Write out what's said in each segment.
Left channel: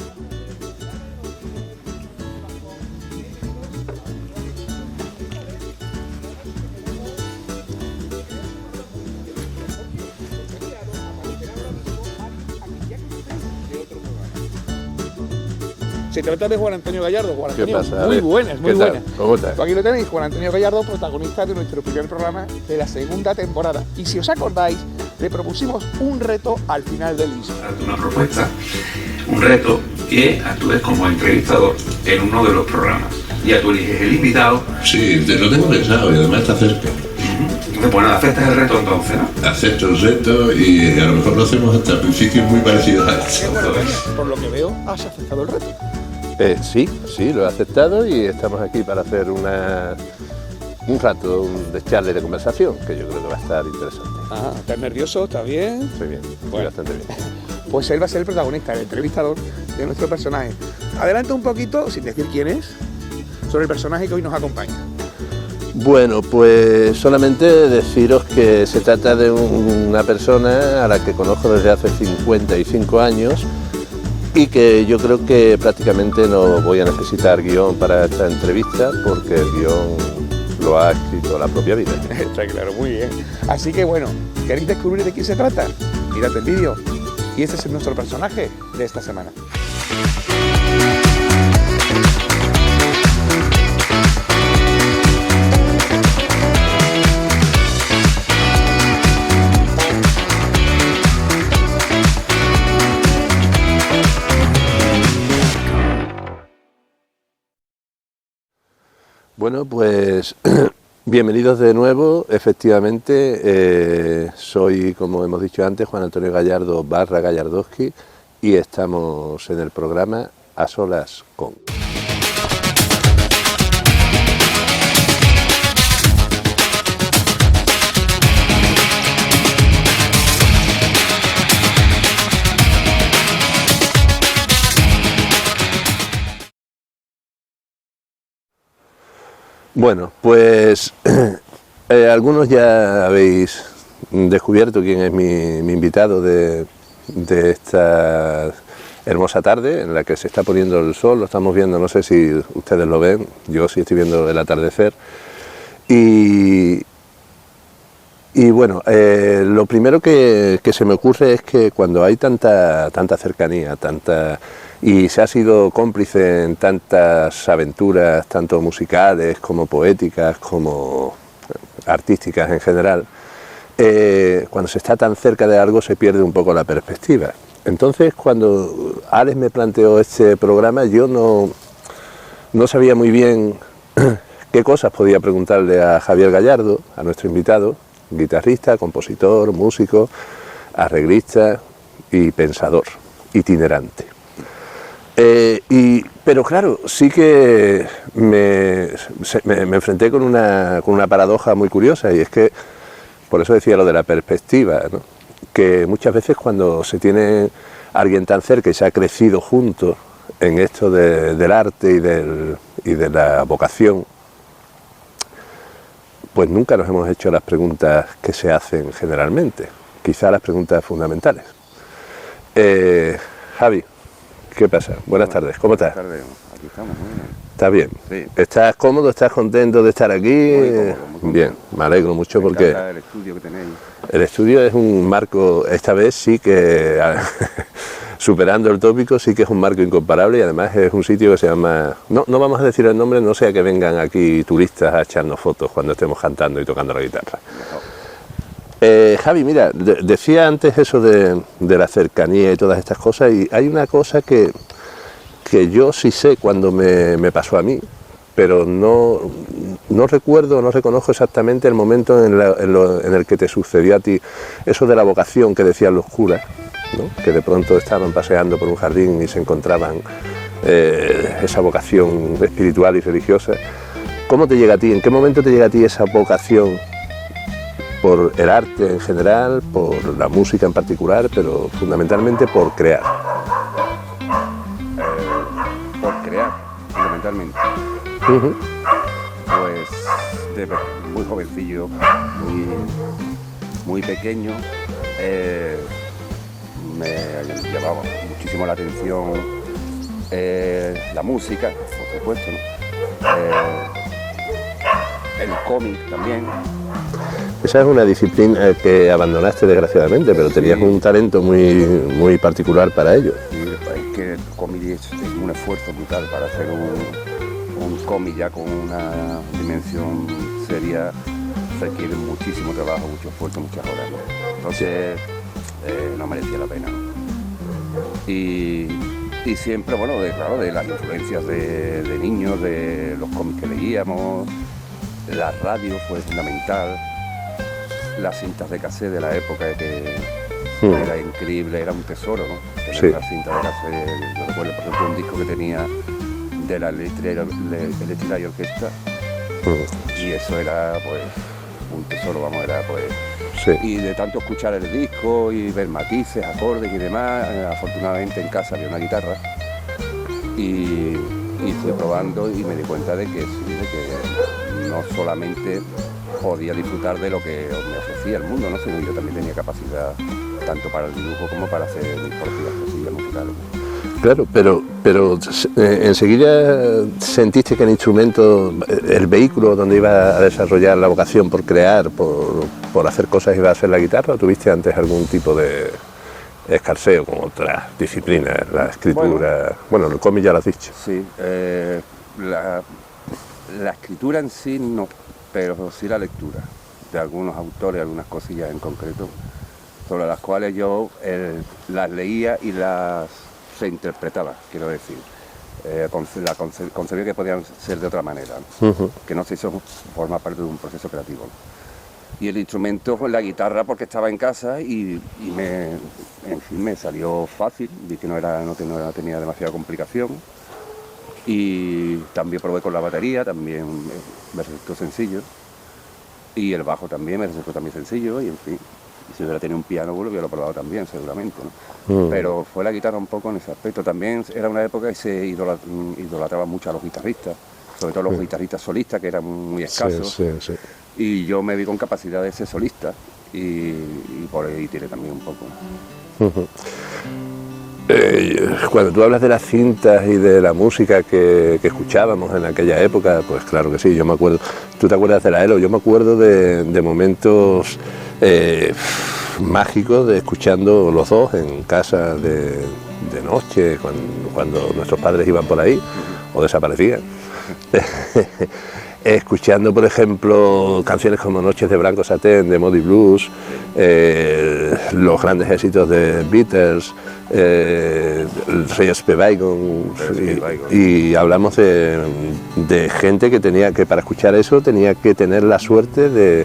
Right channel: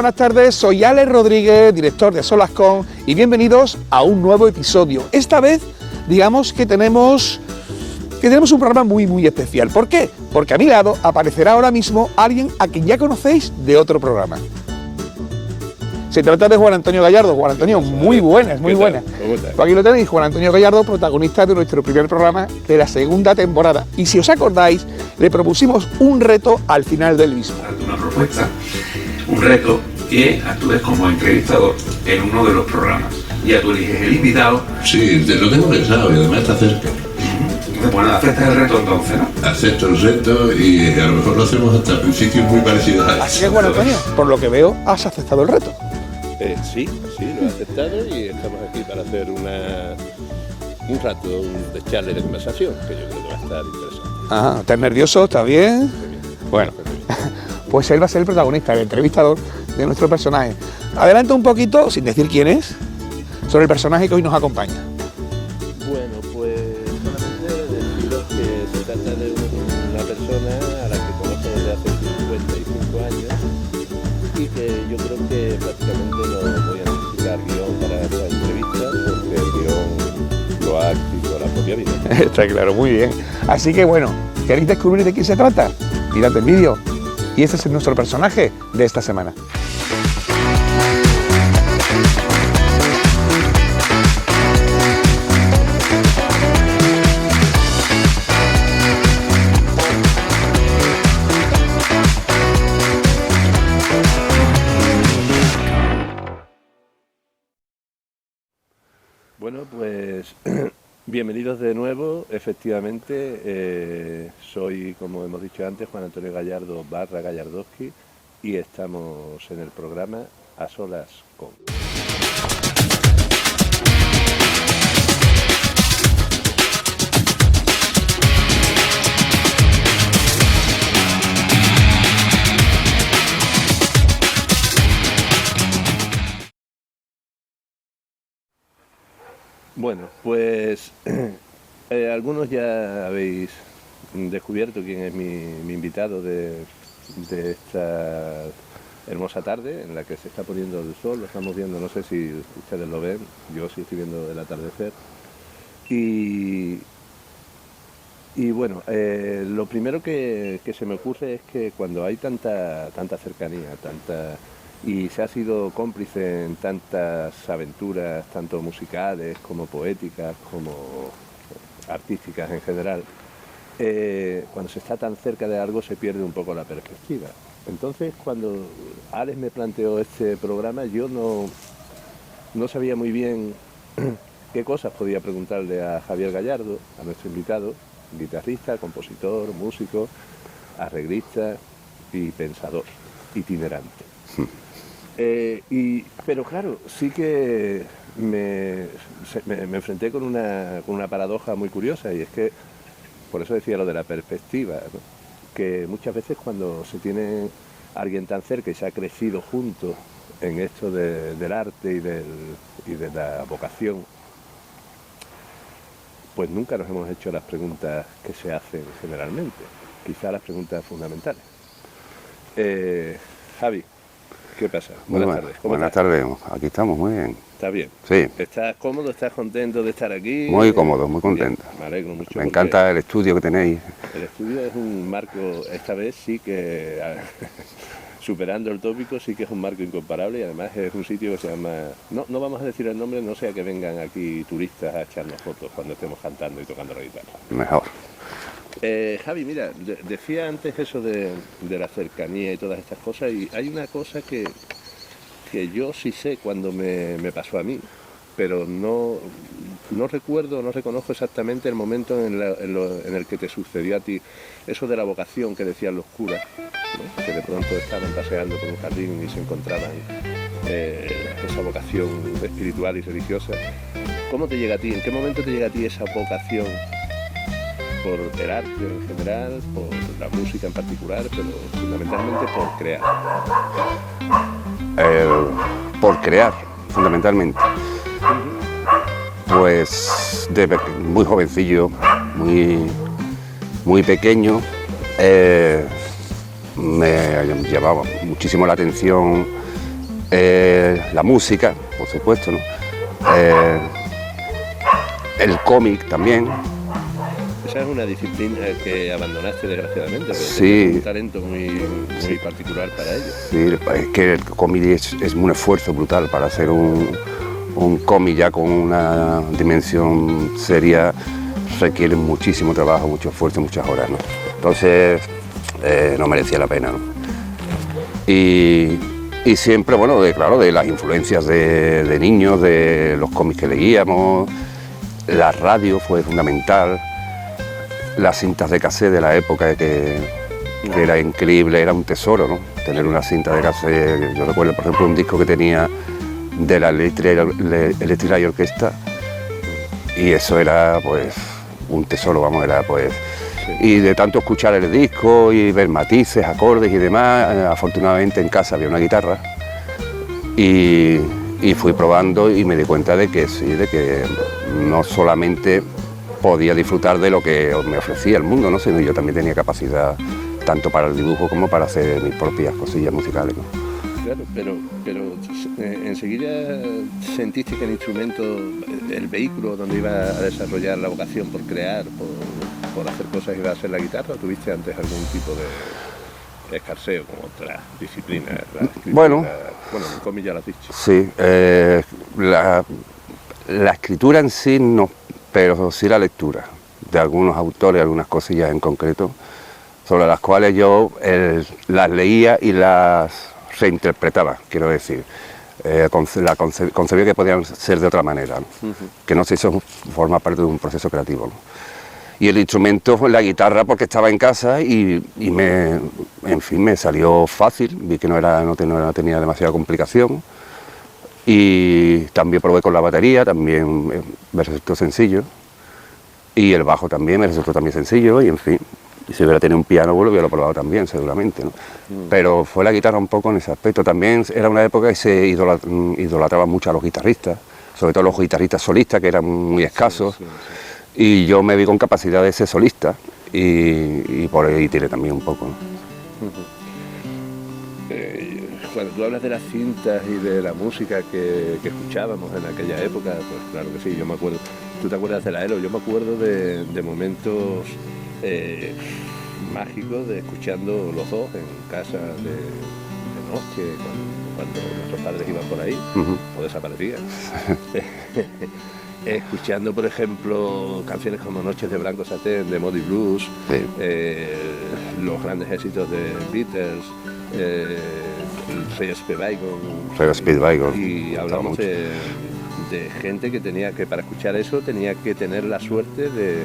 buenas tardes, soy Alex Rodríguez, director de Solascon, y bienvenidos a un nuevo episodio. Esta vez, digamos que tenemos un programa muy especial. ¿Por qué? Porque a mi lado aparecerá ahora mismo alguien a quien ya conocéis de otro programa. Se trata de Juan Antonio Gallardo. Juan Antonio, muy buenas. ¿Cómo estás? Pues aquí lo tenéis, Juan Antonio Gallardo, protagonista de nuestro primer programa de la segunda temporada. Y si os acordáis, le propusimos un reto al final del mismo. Darte una propuesta, un reto que actúes como entrevistador en uno de los programas. Ya tú eliges el invitado. Sí, te lo tengo pensado y además está cerca. Entonces, pues nada, aceptas el reto entonces, ¿no? Acepto el reto y a lo mejor lo hacemos hasta principios muy parecidos a Así que, esto. Juan Antonio, por lo que veo, has aceptado el reto. Sí, lo he aceptado y estamos aquí para hacer un rato de charla de conversación, que yo creo que va a estar interesante. Ajá, ¿estás nervioso? ¿Está bien? Estoy bien. Bueno. Bastante bien. Pues él va a ser el protagonista, el entrevistador de nuestro personaje. Adelanta un poquito, sin decir quién es, sobre el personaje que hoy nos acompaña. Bueno, pues solamente deciros que se trata de una persona a la que conozco desde hace 55 años y que yo creo que prácticamente no voy a necesitar guión para esta entrevista porque el guión lo ha escrito la propia vida. Está claro, muy bien. Así que bueno, ¿queréis descubrir de qué se trata? Mirad el vídeo. Y este es nuestro personaje de esta semana. Bueno, pues bienvenidos de nuevo. Efectivamente, soy, como hemos dicho antes, Juan Antonio Gallardo / Gallardowski y estamos en el programa A Solas Con. Bueno, pues algunos ya habéis descubierto quién es mi invitado de esta hermosa tarde en la que se está poniendo el sol. Lo estamos viendo, no sé si ustedes lo ven, yo sí estoy viendo el atardecer. Y bueno, lo primero que se me ocurre es que cuando hay tanta cercanía, y se ha sido cómplice en tantas aventuras, tanto musicales como poéticas, como artísticas en general, cuando se está tan cerca de algo se pierde un poco la perspectiva. Entonces, cuando Alex me planteó este programa, yo no sabía muy bien qué cosas podía preguntarle a Javier Gallardo, a nuestro invitado, guitarrista, compositor, músico, arreglista y pensador, itinerante. Pero claro, sí que me enfrenté con una paradoja muy curiosa, y es que, por eso decía lo de la perspectiva, ¿no? Que muchas veces cuando se tiene alguien tan cerca y se ha crecido juntos en esto del arte y de la vocación, pues nunca nos hemos hecho las preguntas que se hacen generalmente, quizá las preguntas fundamentales. Javi, ¿qué pasa? Buenas tardes, ¿cómo estás? Buenas tardes, aquí estamos, muy bien. ¿Estás bien? Sí. ¿Estás cómodo? ¿Estás contento de estar aquí? Muy cómodo, muy contento. Bien, me alegro mucho Me porque encanta el estudio que tenéis. el estudio es un marco, esta vez sí que, superando el tópico, sí que es un marco incomparable, y además es un sitio que se llama, no vamos a decir el nombre, no sea que vengan aquí turistas a echarnos fotos cuando estemos cantando y tocando la guitarra. Mejor. Javi, mira, decía antes eso de la cercanía y todas estas cosas, y hay una cosa que yo sí sé cuando me pasó a mí, pero no recuerdo, no reconozco exactamente el momento en el que te sucedió a ti, eso de la vocación que decían los curas, ¿no? Que de pronto estaban paseando por un jardín y se encontraban esa vocación espiritual y religiosa. ¿Cómo te llega a ti? ¿En qué momento te llega a ti esa vocación por el arte en general, por la música en particular, pero fundamentalmente por crear? Por crear, fundamentalmente. Pues muy jovencillo, muy pequeño, me llamaba muchísimo la atención la música, por supuesto, ¿no? El cómic también. Esa es una disciplina que abandonaste desgraciadamente, pero Sí. tenías un talento muy particular para ello. Sí, es que el cómic es un esfuerzo brutal para hacer un cómic ya con una dimensión seria, requiere muchísimo trabajo, mucho esfuerzo, muchas horas, ¿no? Entonces no merecía la pena, ¿no? Y siempre, bueno, claro, de las influencias de niños, de los cómics que leíamos, la radio fue fundamental, las cintas de cassette de la época que era increíble, era un tesoro, ¿no? Tener Sí. una cinta de cassette. Yo recuerdo, por ejemplo, un disco que tenía de la Electric Light Orchestra, y eso era, pues, un tesoro, vamos, era, pues... Sí. Y de tanto escuchar el disco y ver matices, acordes y demás, afortunadamente en casa había una guitarra y fui probando y me di cuenta de que sí, de que no solamente podía disfrutar de lo que me ofrecía el mundo, ¿no? Sino yo también tenía capacidad tanto para el dibujo como para hacer mis propias cosillas musicales, ¿no? Claro, pero enseguida sentiste que el instrumento, el vehículo donde iba a desarrollar la vocación por crear, por hacer cosas, iba a ser la guitarra, ¿o tuviste antes algún tipo de escarceo con otras disciplinas, la escritura? Bueno, el cómic ya lo has dicho. Sí, la escritura en sí no, pero sí la lectura de algunos autores, algunas cosillas en concreto, sobre las cuales yo las leía y las reinterpretaba, quiero decir. Concebía que podían ser de otra manera, ¿no? Que no sé si eso forma parte de un proceso creativo, ¿no? Y el instrumento fue la guitarra porque estaba en casa y me salió fácil, vi que no tenía demasiada complicación. Y también probé con la batería, también me resultó sencillo. Y el bajo también me resultó también sencillo, y en fin. Y si hubiera tenido un piano, bueno, hubiera probado también, seguramente, ¿no? Pero fue la guitarra un poco en ese aspecto. También era una época que se idolatraba mucho a los guitarristas, sobre todo los guitarristas solistas, que eran muy escasos. Sí, sí, sí. Y yo me vi con capacidad de ser solista, y por ahí tiré también un poco, ¿no? Cuando tú hablas de las cintas y de la música que escuchábamos en aquella época, pues claro que sí, yo me acuerdo. ¿Tú te acuerdas de la ELO? Yo me acuerdo de momentos mágicos de escuchando los dos en casa de noche, cuando nuestros padres iban por ahí o desaparecían. Escuchando, por ejemplo, canciones como Noches de Branco Satén, de Moody Blues, los grandes éxitos de Beatles, Rey Speedwagon, y hablamos de gente que tenía que, para escuchar eso, tenía que tener la suerte de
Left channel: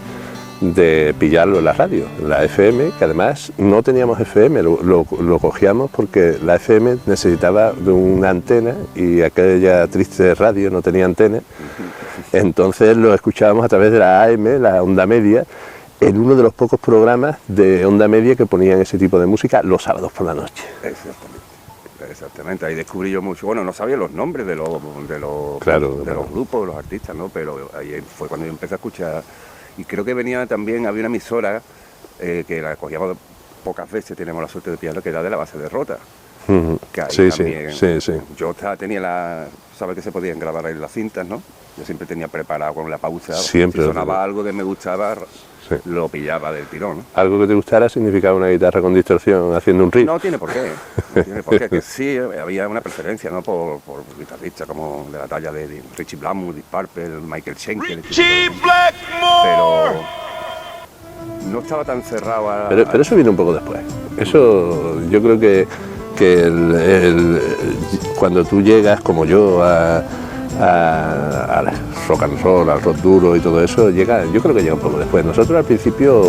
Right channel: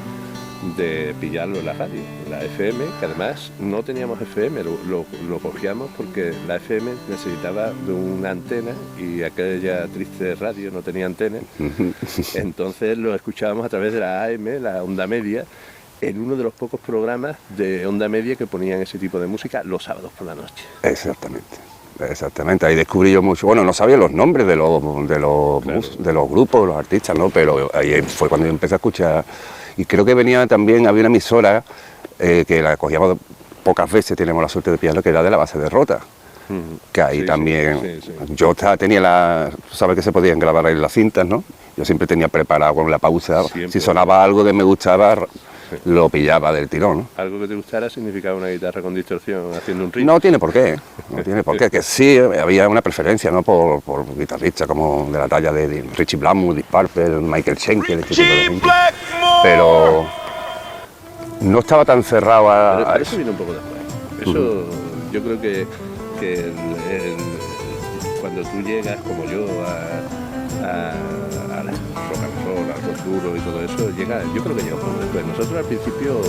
pillarlo en la radio, en la FM, que además no teníamos FM, lo cogíamos porque la FM necesitaba de una antena y aquella triste radio no tenía antena, entonces lo escuchábamos a través de la AM, la onda media, en uno de los pocos programas de onda media que ponían ese tipo de música los sábados por la noche. Exactamente, ahí descubrí yo mucho. Bueno, no sabía los nombres de los grupos, de los artistas, ¿no? Pero ahí fue cuando yo empecé a escuchar. Y creo que había una emisora que la cogíamos pocas veces, tenemos la suerte de pillarla, que era de la Base de Rota. Que ahí también. Sí. Yo tenía sabes que se podían grabar ahí las cintas, ¿no? Yo siempre tenía preparado con la pausa. Siempre, si sonaba algo que me gustaba, lo pillaba del tirón, ¿no? Algo que te gustara significaba una guitarra con distorsión haciendo un riff. No tiene por qué, que sí había una preferencia, ¿no? por guitarristas como de la talla de Richie Blackmore, Deep Purple, Michael Schenker, pero no estaba tan cerrado a... Pero eso vino un poco después. Eso yo creo que cuando tú llegas, como yo, al rock and roll, al rock duro y todo eso, yo creo que llega un poco después. Nosotros al principio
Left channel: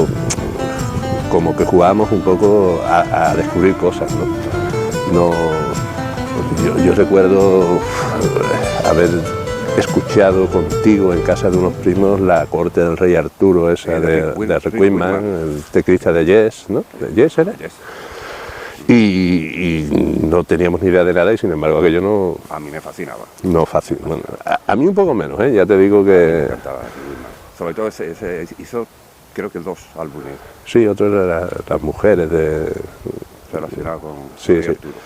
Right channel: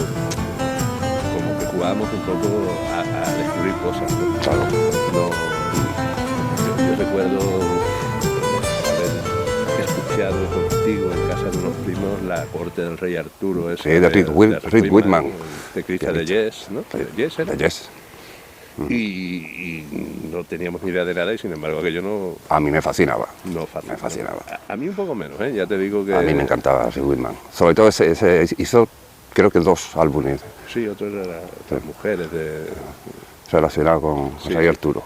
como que jugábamos un poco a descubrir cosas, ¿no? Yo recuerdo haber escuchado contigo en casa de unos primos la corte del rey Arturo, ese de Rick Whitman, el teclista de Yes, ¿no? Yes era. Yes. Y no teníamos ni idea de nada y sin embargo aquello no... A mí me fascinaba. A mí un poco menos, ya te digo que... A mí me encantaba Rick Whitman. Sobre todo hizo creo que 2 álbumes. Sí, otro era las mujeres de... Relacionado con Rey Arturo.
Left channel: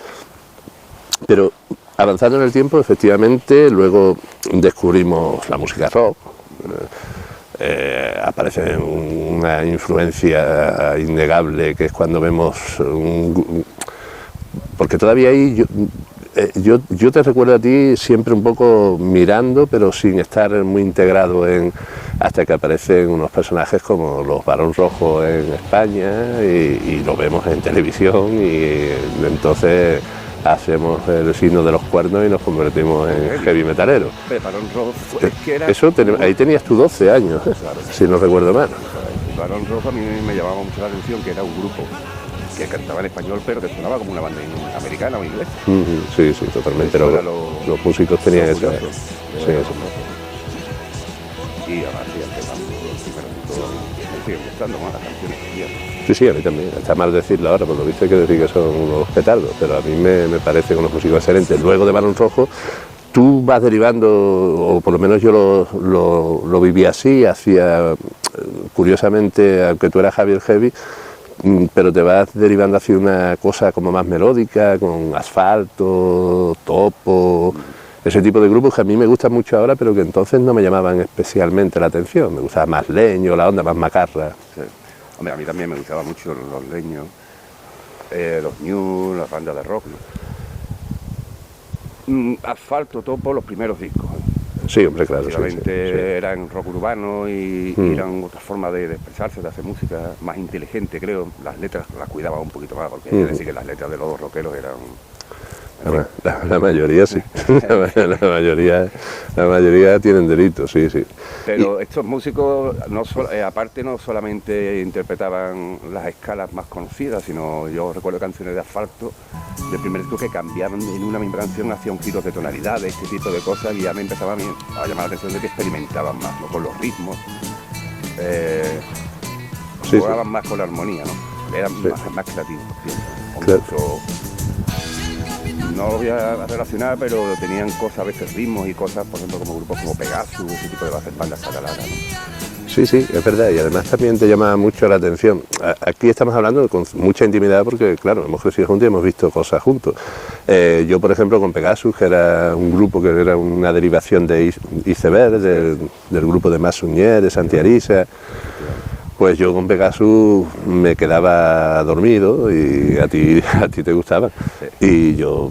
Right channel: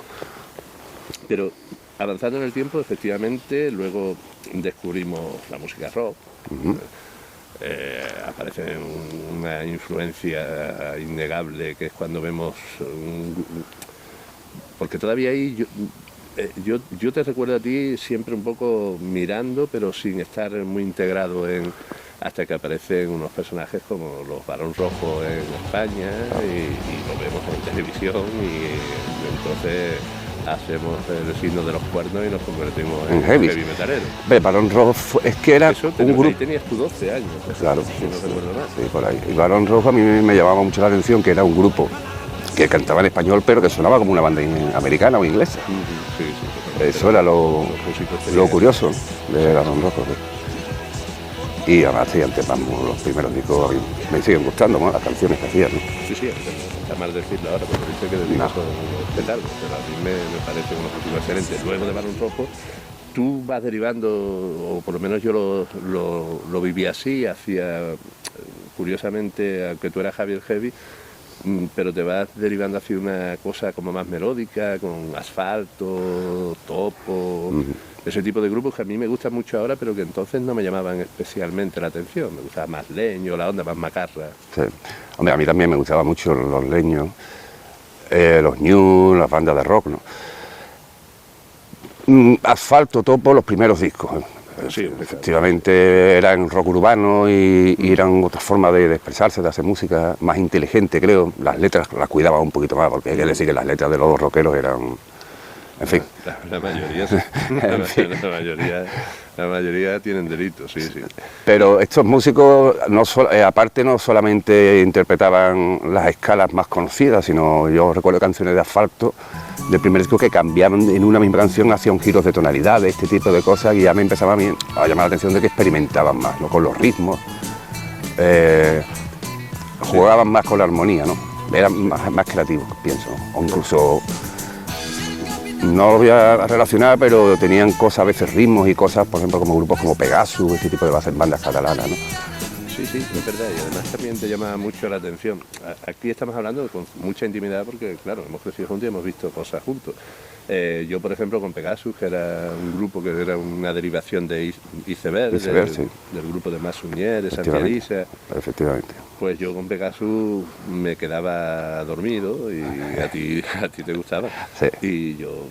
Pero avanzando en el tiempo, efectivamente, luego descubrimos la música rock. Aparece una influencia innegable, que es cuando vemos porque todavía ahí yo te recuerdo a ti siempre un poco mirando, pero sin estar muy integrado hasta que aparecen unos personajes como los Barón Rojo en España y lo vemos en televisión y entonces hacemos el signo de los cuernos y nos convertimos en heavy metalero. Barón Rojo es que era... Eso, ahí tenías tú 12 años, claro, si no recuerdo mal. Y Barón Rojo a mí me llamaba mucho la atención, que era un grupo que cantaba en español, pero que sonaba como una banda americana o inglesa. Sí, totalmente. Eso era los músicos tenían lo curioso sí. de Barón Rojo. Y además hacían temas, los primeros discos me siguen gustando, ¿no? Las canciones que hacían, ¿no? Sí, a mí también. Está mal decirlo ahora, porque viste que decir que son unos petardos, pero a mí me parecen unos músicos excelentes. Luego de Barón Rojo, tú vas derivando, o por lo menos yo lo viví así, curiosamente, aunque tú eras Javier Heavy, pero te vas derivando hacia una cosa como más melódica, con Asfalto, Topo, ese tipo de grupos que a mí me gustan mucho ahora, pero que entonces no me llamaban especialmente la atención. Me gustaba más Leño, la onda más macarra. Sí. Hombre, a mí también me gustaban mucho los Leños, los New, las bandas de rock, ¿no? Asfalto, Topo, los primeros discos. Sí, hombre, claro. Efectivamente, eran rock urbano y eran otra forma de expresarse, de hacer música más inteligente, creo. Las letras las cuidaba un poquito más, porque hay que decir que las letras de los rockeros eran... En fin. La mayoría sí. La mayoría tienen delitos, sí. Pero estos músicos, aparte, no solamente interpretaban las escalas más conocidas, sino yo recuerdo canciones de Asfalto, del primer disco, que cambiaban en una misma canción, hacían giros de tonalidades, este tipo de cosas, y ya me empezaba a llamar la atención de que experimentaban más, ¿no? Con los ritmos, jugaban más con la armonía, ¿no? Eran más creativos, pienso. O incluso, no lo voy a relacionar, pero tenían cosas, a veces ritmos y cosas, por ejemplo, como grupos como Pegasus, ese tipo de bandas catalanas, ¿no? Sí, es verdad, y además también te llama mucho la atención. Aquí estamos hablando con mucha intimidad porque, claro, hemos crecido juntos y hemos visto cosas juntos. Yo, por ejemplo, con Pegasus, que era un grupo que era una derivación de Iceberg, del grupo de Massuñer, de Santi Arisa. Efectivamente. Pues yo con Pegasus me quedaba dormido y a ti te gustaba. Sí. Y yo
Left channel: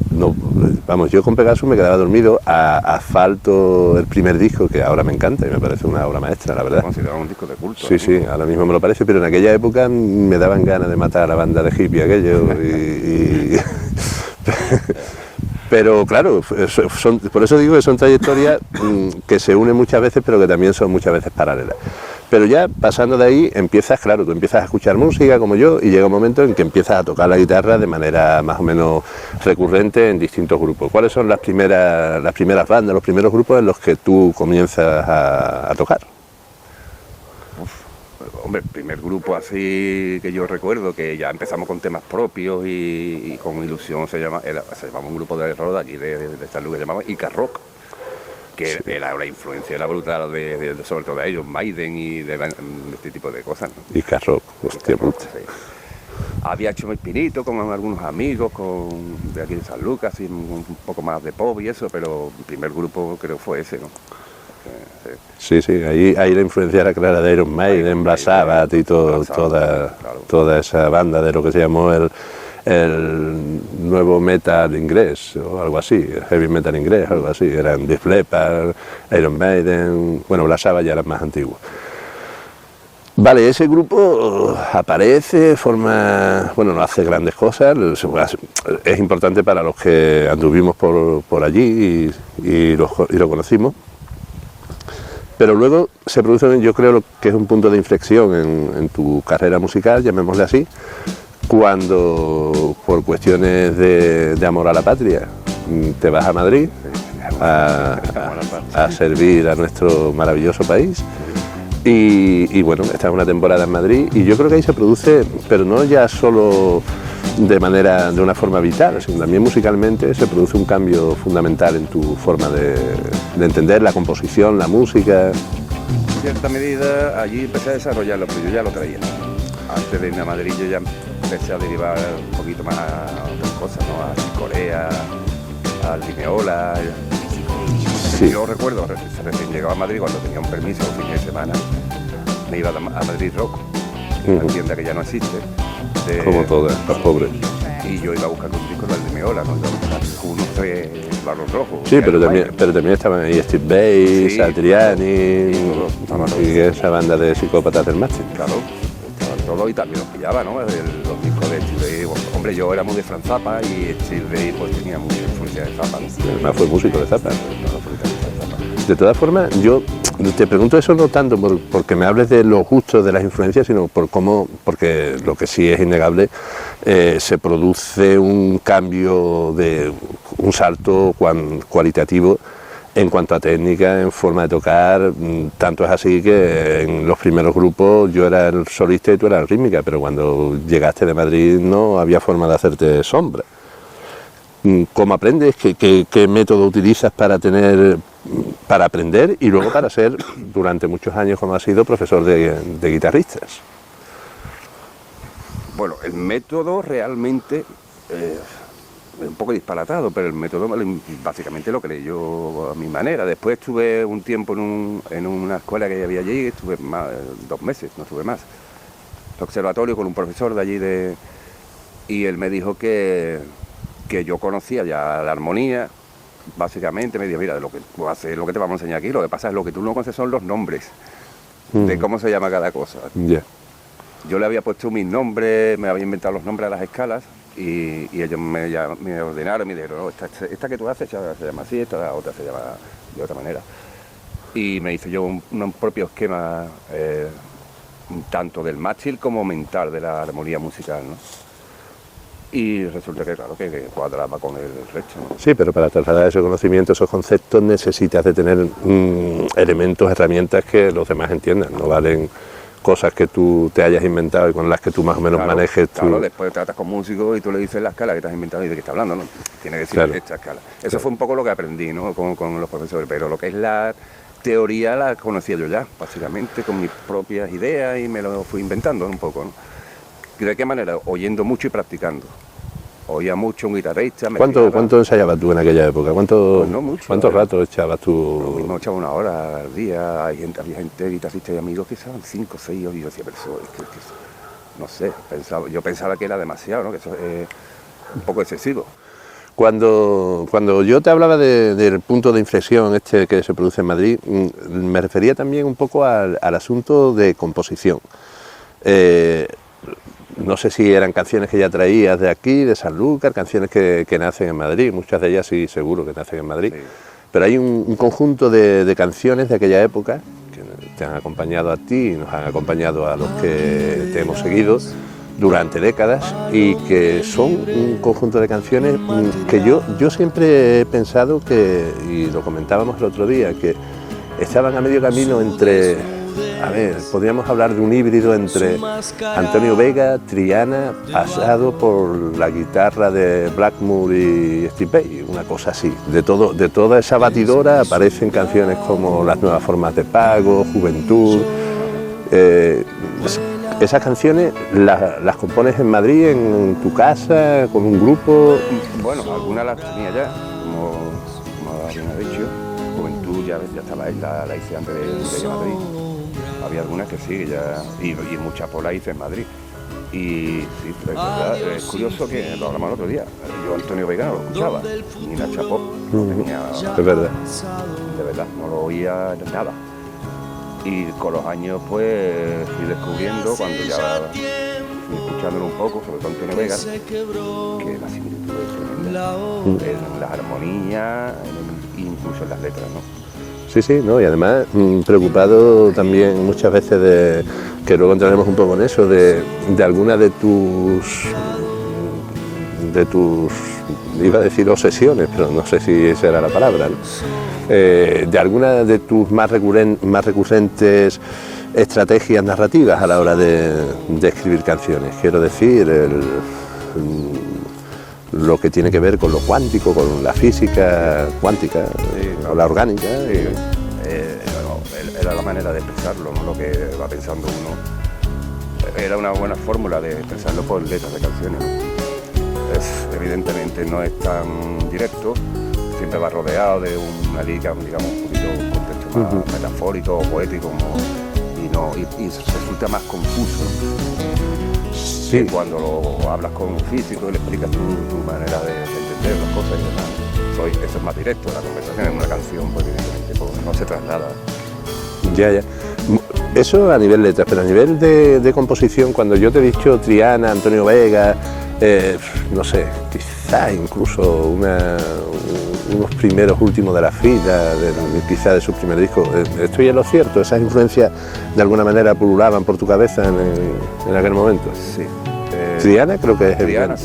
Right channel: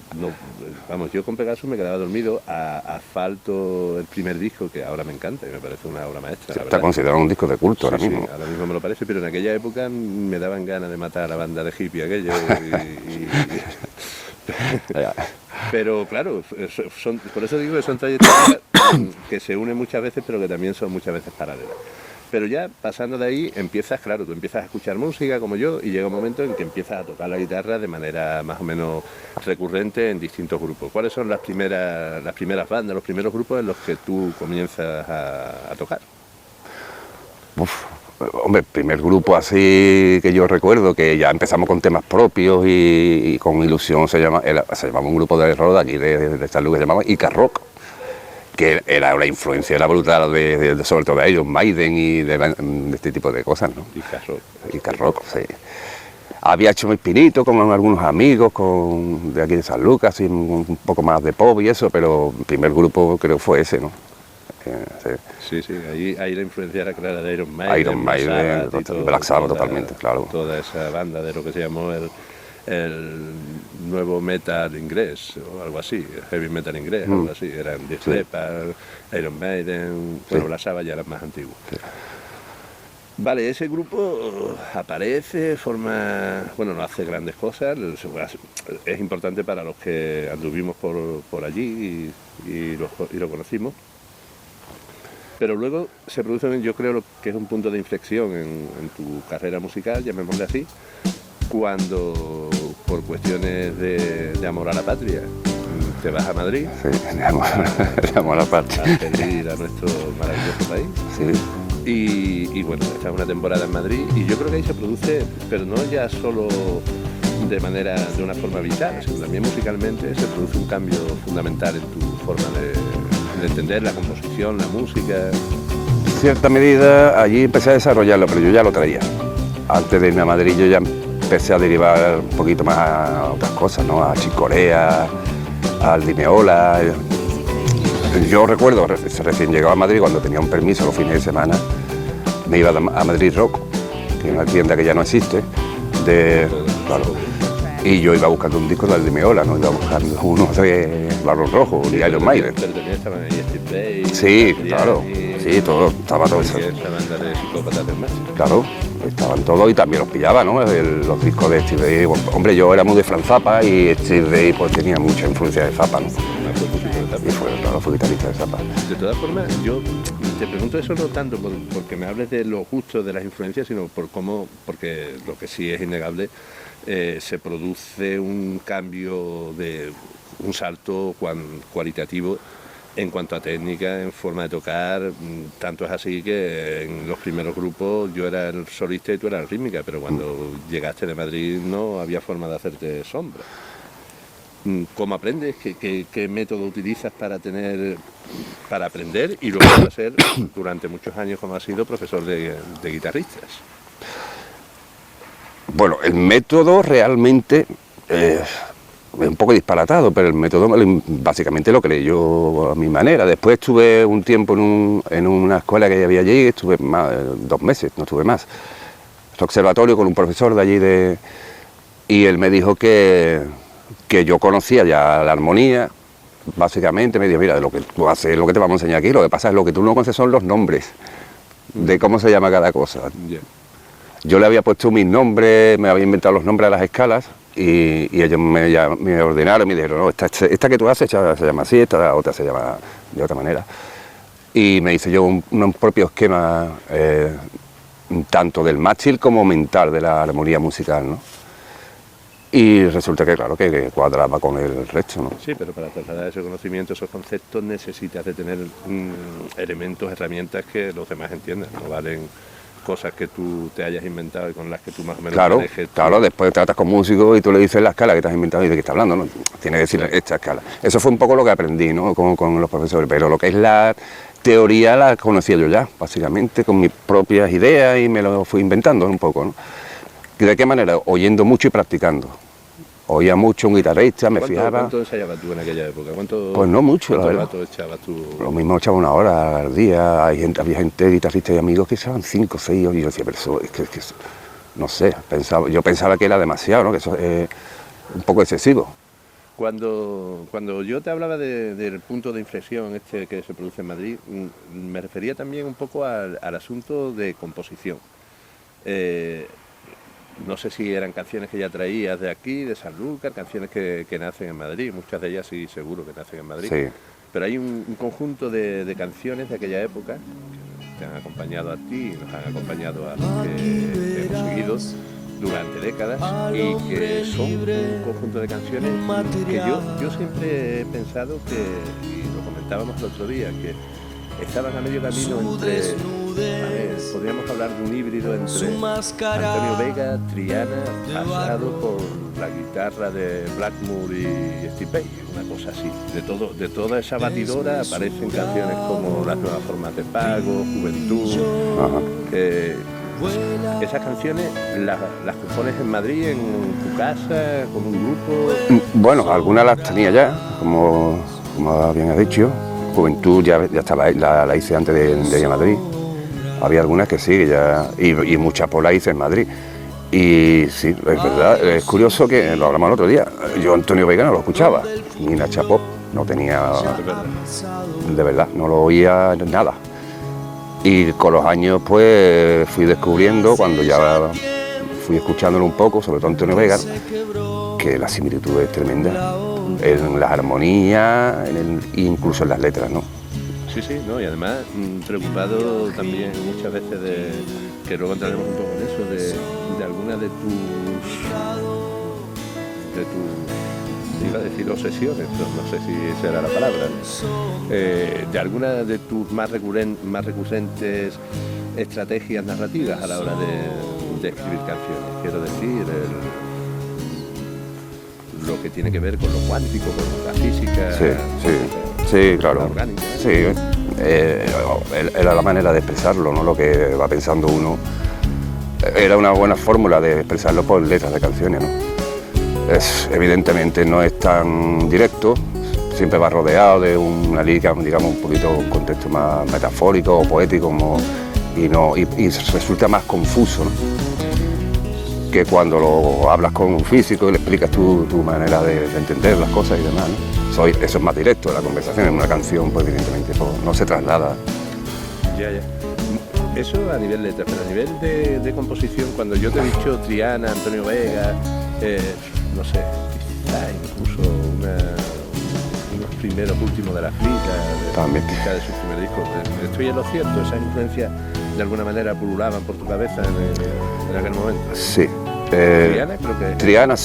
con Pegasus me quedaba dormido. Asfalto, el primer disco, que ahora me encanta y me parece una obra maestra, la verdad. Está considerado un disco de culto. Sí, ahora mismo me lo parece, pero en aquella época me daban ganas de matar a la banda de hippie aquello. Pero claro, por eso digo que son trayectorias que se unen muchas veces, pero que también son muchas veces paralelas. Pero ya pasando de ahí, tú empiezas a escuchar música como yo y llega un momento en que empiezas a tocar la guitarra de manera más o menos recurrente en distintos grupos. ¿Cuáles son las primeras bandas, los primeros grupos en los que tú comienzas a tocar? Hombre, el primer grupo así que yo recuerdo, que ya empezamos con temas propios y con ilusión, se llamaba un grupo de rock de aquí, de San Luis, que se llamaba Ica Rock, que era una influencia, era brutal, sobre todo de Iron Maiden y de este tipo de cosas, ¿no? Ica Rock, sí. Había hecho un espinito con algunos amigos de aquí de San Lucas, y un poco más de pop y eso, pero el primer grupo creo fue ese, ¿no? Sí, ahí la influencia era clara de Iron Maiden, Black Sabbath y toda esa banda de lo que se llamó el nuevo metal inglés o algo así, heavy metal inglés, algo así. Eran Def Leppard, Iron Maiden, bueno, Black Sabbath ya era más antiguo. Vale, ese grupo aparece, no hace grandes cosas, es importante para los que anduvimos por allí y lo conocimos. Pero luego se produce, yo creo que es un punto de inflexión en tu carrera musical, llamémosle así, cuando por cuestiones de amor a la patria te vas a Madrid a servir a nuestro maravilloso país. Sí. Y bueno, estás una temporada en Madrid y yo creo que ahí se produce, pero no ya solo de una forma vital, sino también musicalmente se produce un cambio fundamental en tu forma de entender la composición, la música. En cierta medida allí empecé a desarrollarlo, pero yo ya lo traía. Antes de irme a Madrid yo ya empecé a derivar un poquito más a otras cosas, ¿no? A Chicorea, al Lineola. Yo recuerdo, recién llegado a Madrid, cuando tenía un permiso los fines de semana, me iba a Madrid Rock, que es una tienda que ya no existe, Como todas, los pobres. y yo iba buscando un disco del Lineola, ¿no? Iba buscando uno de Barón Rojo. Sí, pero también estaban ahí Steve Vai, Sí, Satriani, claro. Sí, todo, estaba todo y eso. esa banda de psicópatas del mástil. Claro, estaban todos y también los pillaba, ¿no? Los discos de Steve Vai. Bueno, hombre, yo era muy de Frank Zappa y Steve Vai pues tenía mucha influencia de Zappa, ¿no? Además fue músico de Zappa. Fue guitarrista de Zappa. De todas formas, yo te pregunto eso no tanto porque me hables de los gustos de las influencias, sino por cómo, porque lo que sí es innegable, se produce un cambio, un salto cualitativo en cuanto a técnica, en forma de tocar. Tanto es así que en los primeros grupos yo era el solista y tú eras el rítmica, pero cuando llegaste de Madrid no había forma de hacerte sombra. ¿Cómo aprendes? ¿Qué método utilizas para aprender y luego para ser, durante muchos años como has sido, profesor de guitarristas? Bueno, el método realmente es un poco disparatado, pero el método básicamente lo creé yo a mi manera. Después estuve un tiempo en una escuela que había allí, estuve 2 meses, no estuve más. En observatorio con un profesor de allí y él me dijo que yo conocía ya la armonía. Básicamente me dijo, mira, de lo que tú haces, lo que te vamos a enseñar aquí, lo que pasa es lo que tú no conoces son los nombres de cómo se llama cada cosa. Yeah. Yo le había puesto mis nombres, me había inventado los nombres a las escalas y ellos me ordenaron, me dijeron, no, esta que tú haces se llama así, esta otra se llama de otra manera. Y me hice yo un propio esquema, tanto del mástil como mental de la armonía musical, ¿no? Y resulta que, claro, que cuadraba con el resto, ¿no? Sí, pero para trasladar ese conocimiento, esos conceptos, necesitas de tener elementos, herramientas que los demás entiendan. No valen cosas que tú te hayas inventado y con las que tú más o menos manejes. Claro, después tratas con músicos y tú le dices la escala que te has inventado y de qué está hablando, ¿no? Tiene que decir esta escala. Eso fue un poco lo que aprendí, ¿no? Con los profesores, pero lo que es la teoría la conocía yo ya, básicamente, con mis propias ideas y me lo fui inventando un poco, ¿no? ¿De qué manera? Oyendo mucho y practicando. Oía mucho un guitarrista, ¿Cuánto ensayabas tú en aquella época? Pues no mucho. ¿Cuánto rato echabas tú? Lo mismo echaba 1 hora al día. Había gente, guitarristas y amigos que echaban 5 o 6 horas y yo decía, pero eso, es que no sé, yo pensaba que era demasiado, ¿no? Que eso es un poco excesivo. Cuando yo te hablaba del punto de inflexión que se produce en Madrid, me refería también un poco al asunto de composición. No sé si eran canciones que ya traías de aquí, de Sanlúcar, canciones que nacen en Madrid, muchas de ellas sí, seguro que nacen en Madrid. Sí. Pero hay un conjunto de canciones de aquella época que te han acompañado a ti y nos han acompañado a los que te hemos seguido durante décadas y que son un conjunto de canciones que yo siempre he pensado y lo comentábamos el otro día, que estaban a medio camino entre... podríamos hablar de un híbrido entre Antonio Vega, Triana, pasado por la guitarra de Blackmore y Steve Vai, una cosa así. De toda esa batidora aparecen canciones como Las nuevas formas de pago, Juventud. Esas canciones las compones en Madrid, en tu casa, con un grupo. Bueno, algunas las tenía ya, como habían dicho. Juventud ya estaba, la hice antes de ir a Madrid. Había algunas que sí, y muchas por la hice en Madrid. Y sí, es verdad, es curioso que lo hablamos el otro día. Yo Antonio Vega no lo escuchaba, ni Nacha Pop, no tenía, de verdad, no lo oía nada. Y con los años pues fui descubriendo, cuando ya fui escuchándolo un poco, sobre todo Antonio Vega, que la similitud es tremenda en las armonías, incluso en las letras, ¿no? Sí, ¿no? Y además preocupado también muchas veces que luego entraremos un poco en eso, de alguna de tus, iba a decir obsesiones, pero no sé si esa era la palabra, ¿no? De alguna de tus más recurrentes estrategias narrativas a la hora de escribir canciones. Quiero decir, lo que tiene que ver con lo cuántico, con la física cuántica, sí, claro. La orgánica. Sí, era la manera de expresarlo, ¿no? Lo que va pensando uno. Era una buena fórmula de expresarlo por letras de canciones, ¿no? evidentemente no es tan directo, siempre va rodeado de una lírica, digamos, un poquito un contexto más metafórico o poético, y resulta más confuso, ¿no? Que cuando lo hablas con un físico y le explicas tu manera de entender las cosas y demás, ¿no? Eso es más directo, la conversación en una canción, pues evidentemente no se traslada. Ya. Eso a nivel letras, pero a nivel de composición, cuando yo te he dicho Triana, Antonio Vega, no sé, quizá incluso unos primeros últimos de la fila, también quizá de su primer disco, ¿estoy en lo cierto? ¿Esas influencias de alguna manera pululaban por tu cabeza en aquel momento? Sí. Triana creo que es... Triana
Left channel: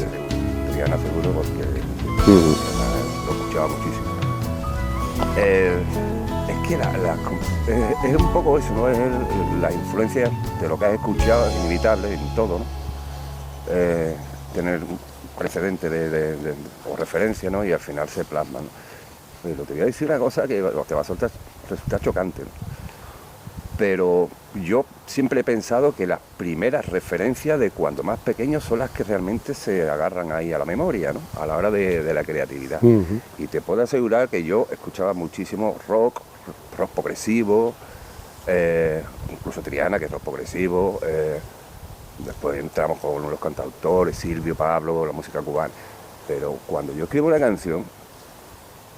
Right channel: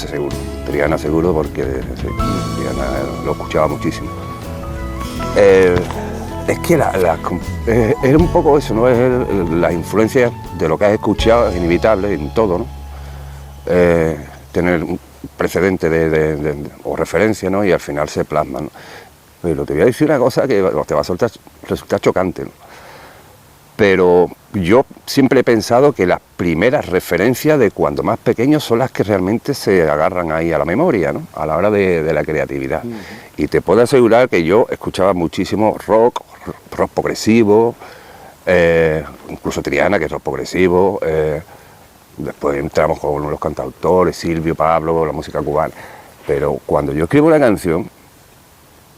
seguro porque Triana lo escuchaba muchísimo. Es que es un poco eso, ¿no? Es la influencia de lo que has escuchado, es inevitable en todo, ¿no? Tener un precedente o referencia, ¿no? Y al final se plasma, ¿no? Pero te voy a decir una cosa que te va a resultar chocante, ¿no? Pero yo siempre he pensado que las primeras referencias de cuando más pequeños son las que realmente se agarran ahí a la memoria, ¿no? A la hora de la creatividad. Y te puedo asegurar que yo escuchaba muchísimo rock progresivo, incluso Triana, que es rock progresivo, después entramos con los cantautores, Silvio, Pablo, la música cubana. Pero cuando yo escribo una canción,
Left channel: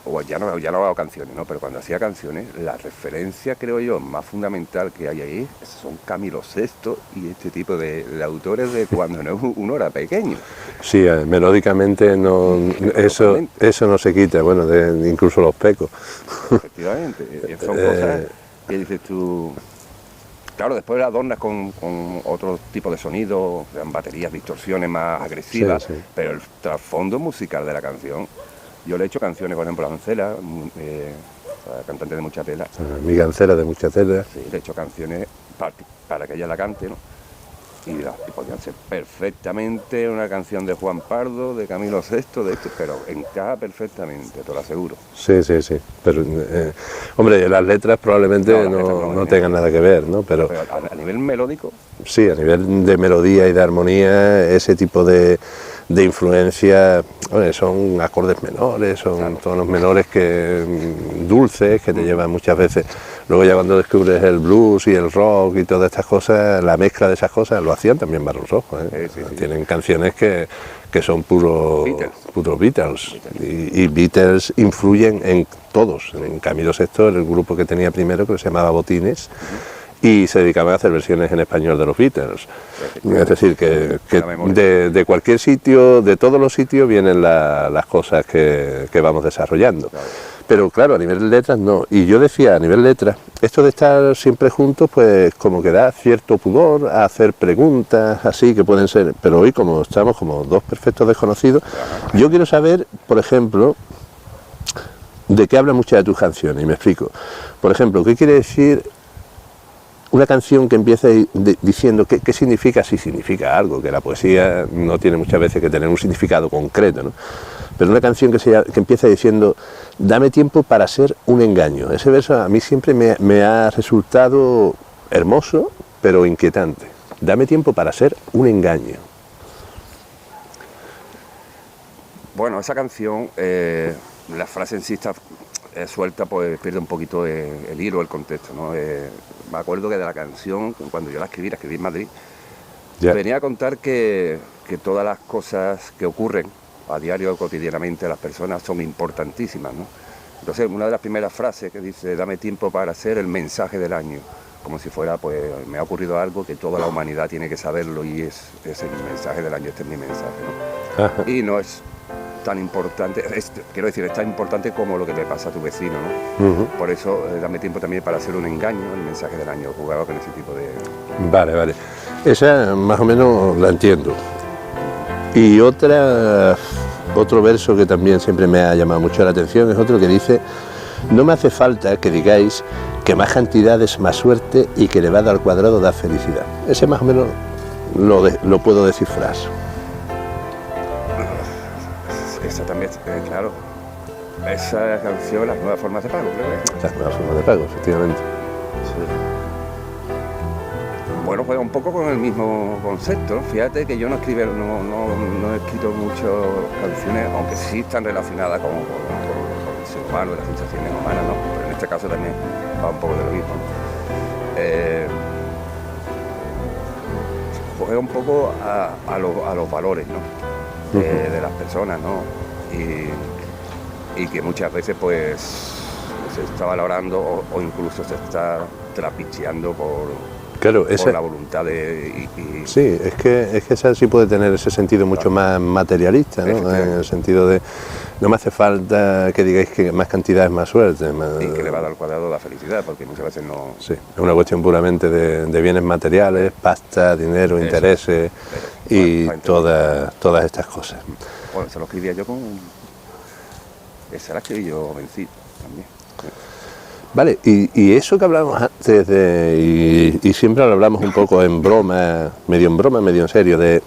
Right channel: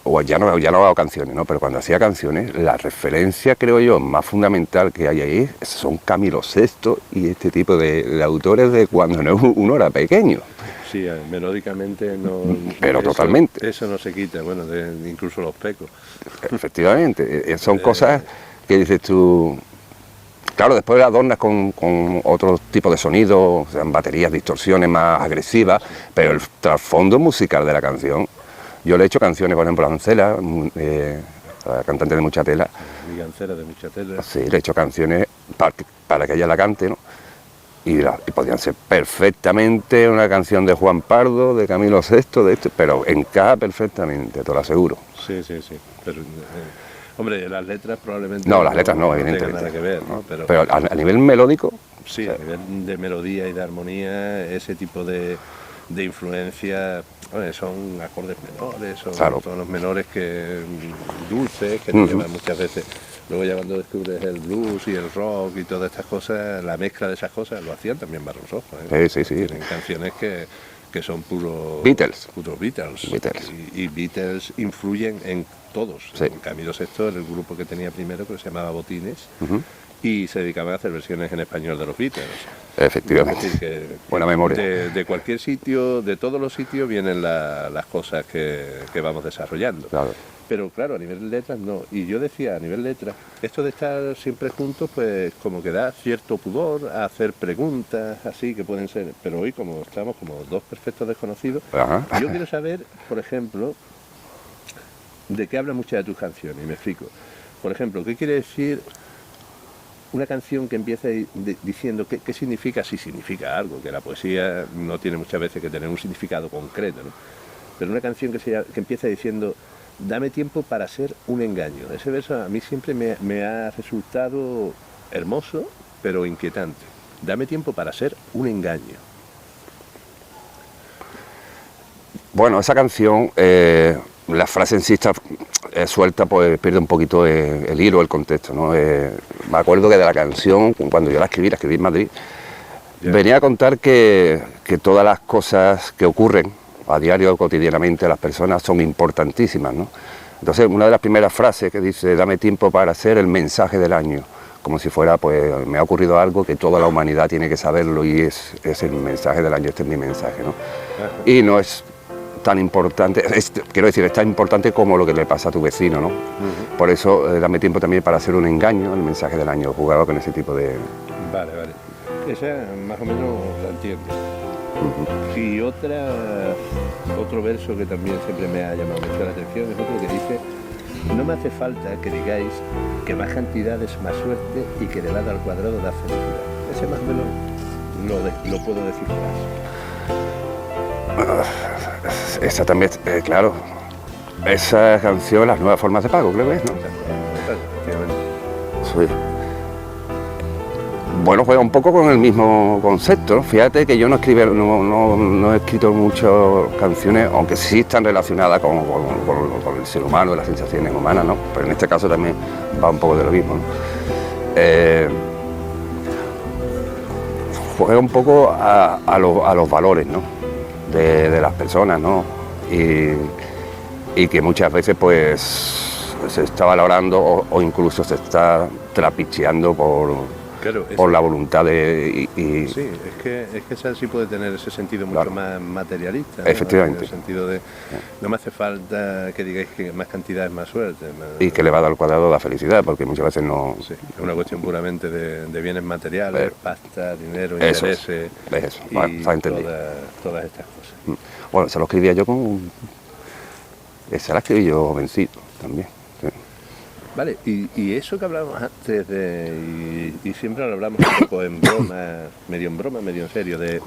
o ya no hago canciones, ¿no? Pero cuando hacía canciones, la referencia, creo yo, más fundamental que hay ahí son Camilo VI y este tipo de autores de cuando uno era pequeño. Sí, melódicamente no, pero totalmente. Eso no se quita, bueno, incluso los pecos. Efectivamente, son cosas que dices tú... Claro, después adornas con otro tipo de sonido, sean baterías, distorsiones más agresivas, sí. Pero el trasfondo musical de la canción... Yo le he hecho canciones, por ejemplo, a Ancela, la cantante de Mucha Tela. Mi Ancela de Mucha Tela. Sí, le he hecho canciones para que ella la cante, ¿no? Y podían ser perfectamente una canción de Juan Pardo, de Camilo VI, pero encaja perfectamente, te lo aseguro. Sí. Pero, hombre, las letras probablemente no tengan nada que ver, ¿no? Pero a nivel melódico... Sí, a nivel de melodía y de armonía, ese tipo de influencia, bueno, son acordes menores, son tonos menores dulces que te llevan muchas veces. Luego ya cuando descubres el blues y el rock y todas estas cosas, la mezcla de esas cosas, lo hacían también Barón Rojo, ¿eh? Sí. Tienen canciones que son puros Beatles. Y Beatles influyen en todos. Sí. En Camilo VI, el grupo que tenía primero, que se llamaba Botines, y se dedicaban a hacer versiones en español de los Beatles. Efectivamente. Es decir, que de cualquier sitio, de todos los sitios, vienen las cosas que vamos desarrollando. Claro. Pero claro, a nivel de letras no. Y yo decía, a nivel de letras, esto de estar siempre juntos, pues como que da cierto pudor a hacer preguntas así que pueden ser. Pero hoy, como estamos como dos perfectos desconocidos, yo quiero saber, por ejemplo, de qué hablan muchas de tus canciones, y me explico. Por ejemplo, ¿qué quiere decir una canción que empiece diciendo qué significa? Si significa algo, que la poesía no tiene muchas veces que tener un significado concreto, ¿no? Pero una canción que empieza diciendo, dame tiempo para ser un engaño. Ese verso a mí siempre me ha resultado hermoso, pero inquietante. Dame tiempo para ser un engaño. Bueno, esa canción, la frase en sí está suelta, pues pierde un poquito el hilo, el contexto, ¿no? Me acuerdo que de la canción, cuando yo la escribí en Madrid, venía a contar que todas las cosas que ocurren a diario, cotidianamente, a las personas son importantísimas, ¿no? Entonces, una de las primeras frases que dice, dame tiempo para hacer el mensaje del año, como si fuera, pues, me ha ocurrido algo que toda la humanidad tiene que saberlo y es el mensaje del año, este es mi mensaje, ¿no? Ajá. Y no es tan importante, quiero decir, es tan importante como lo que le pasa a tu vecino, ¿no? Por eso, dame tiempo también para hacer un engaño, el mensaje del año, jugaba con ese tipo de... Vale. Esa más o menos la entiendo. Y otro verso que también siempre me ha llamado mucho la atención es otro que dice, no me hace falta que digáis que más cantidad es más suerte y que elevado al cuadrado da felicidad. Ese más o menos lo puedo descifrar. Esa también, claro, esa canción, Las nuevas formas de pago, creo que es, ¿no? Las nuevas formas de pago, efectivamente. Sí. Bueno, juega un poco con el mismo concepto. Fíjate que yo no he escrito muchas canciones, aunque sí están relacionadas con el ser humano, las sensaciones humanas, ¿no? Pero en este caso también va un poco de lo mismo, ¿no? Juega un poco a los valores, ¿no? de las personas, ¿no? Y que muchas veces pues se está valorando o incluso se está trapicheando por la voluntad de... Sí, es que esa sí puede tener ese sentido mucho más materialista, ¿no? En el sentido de no me hace falta que digáis que más cantidad es más suerte. Y que le va a dar al cuadrado la felicidad, porque muchas veces no... Sí, es una cuestión puramente de bienes materiales, pasta, dinero, intereses y todas estas cosas. Bueno, se lo escribía yo esa la escribí yo jovencito también. Sí. Vale, y eso que hablábamos antes, y siempre lo hablamos un poco en broma, medio en serio, de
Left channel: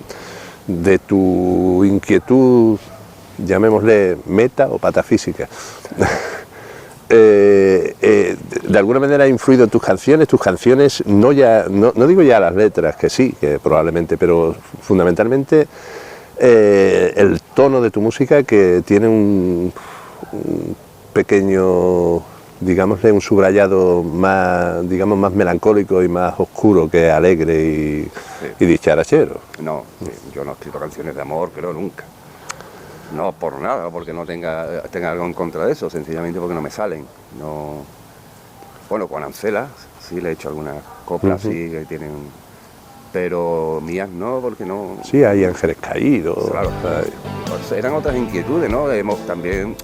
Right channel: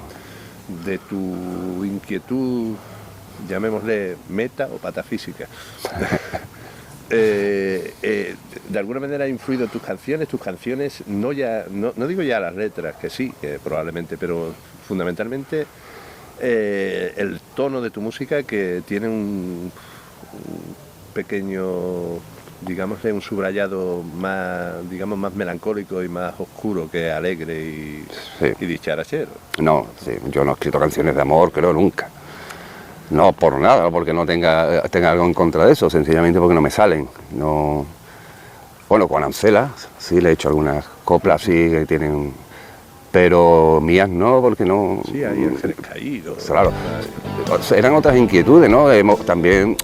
tu inquietud, llamémosle meta o patafísica. De alguna manera ha influido tus canciones, no digo ya las letras, que sí, que probablemente, pero fundamentalmente el tono de tu música, que tiene un pequeño, digámosle, un subrayado más melancólico y más oscuro que alegre y dicharachero. No, sí, yo no he escrito canciones de amor, creo, nunca. No por nada, no porque no tenga algo en contra de eso, sencillamente porque no me salen. No. Bueno, con Ancela sí le he hecho algunas coplas, sí, que tienen... Pero mías no, porque no... Sí, hay ángeles caídos. Claro, eran otras inquietudes, ¿no? También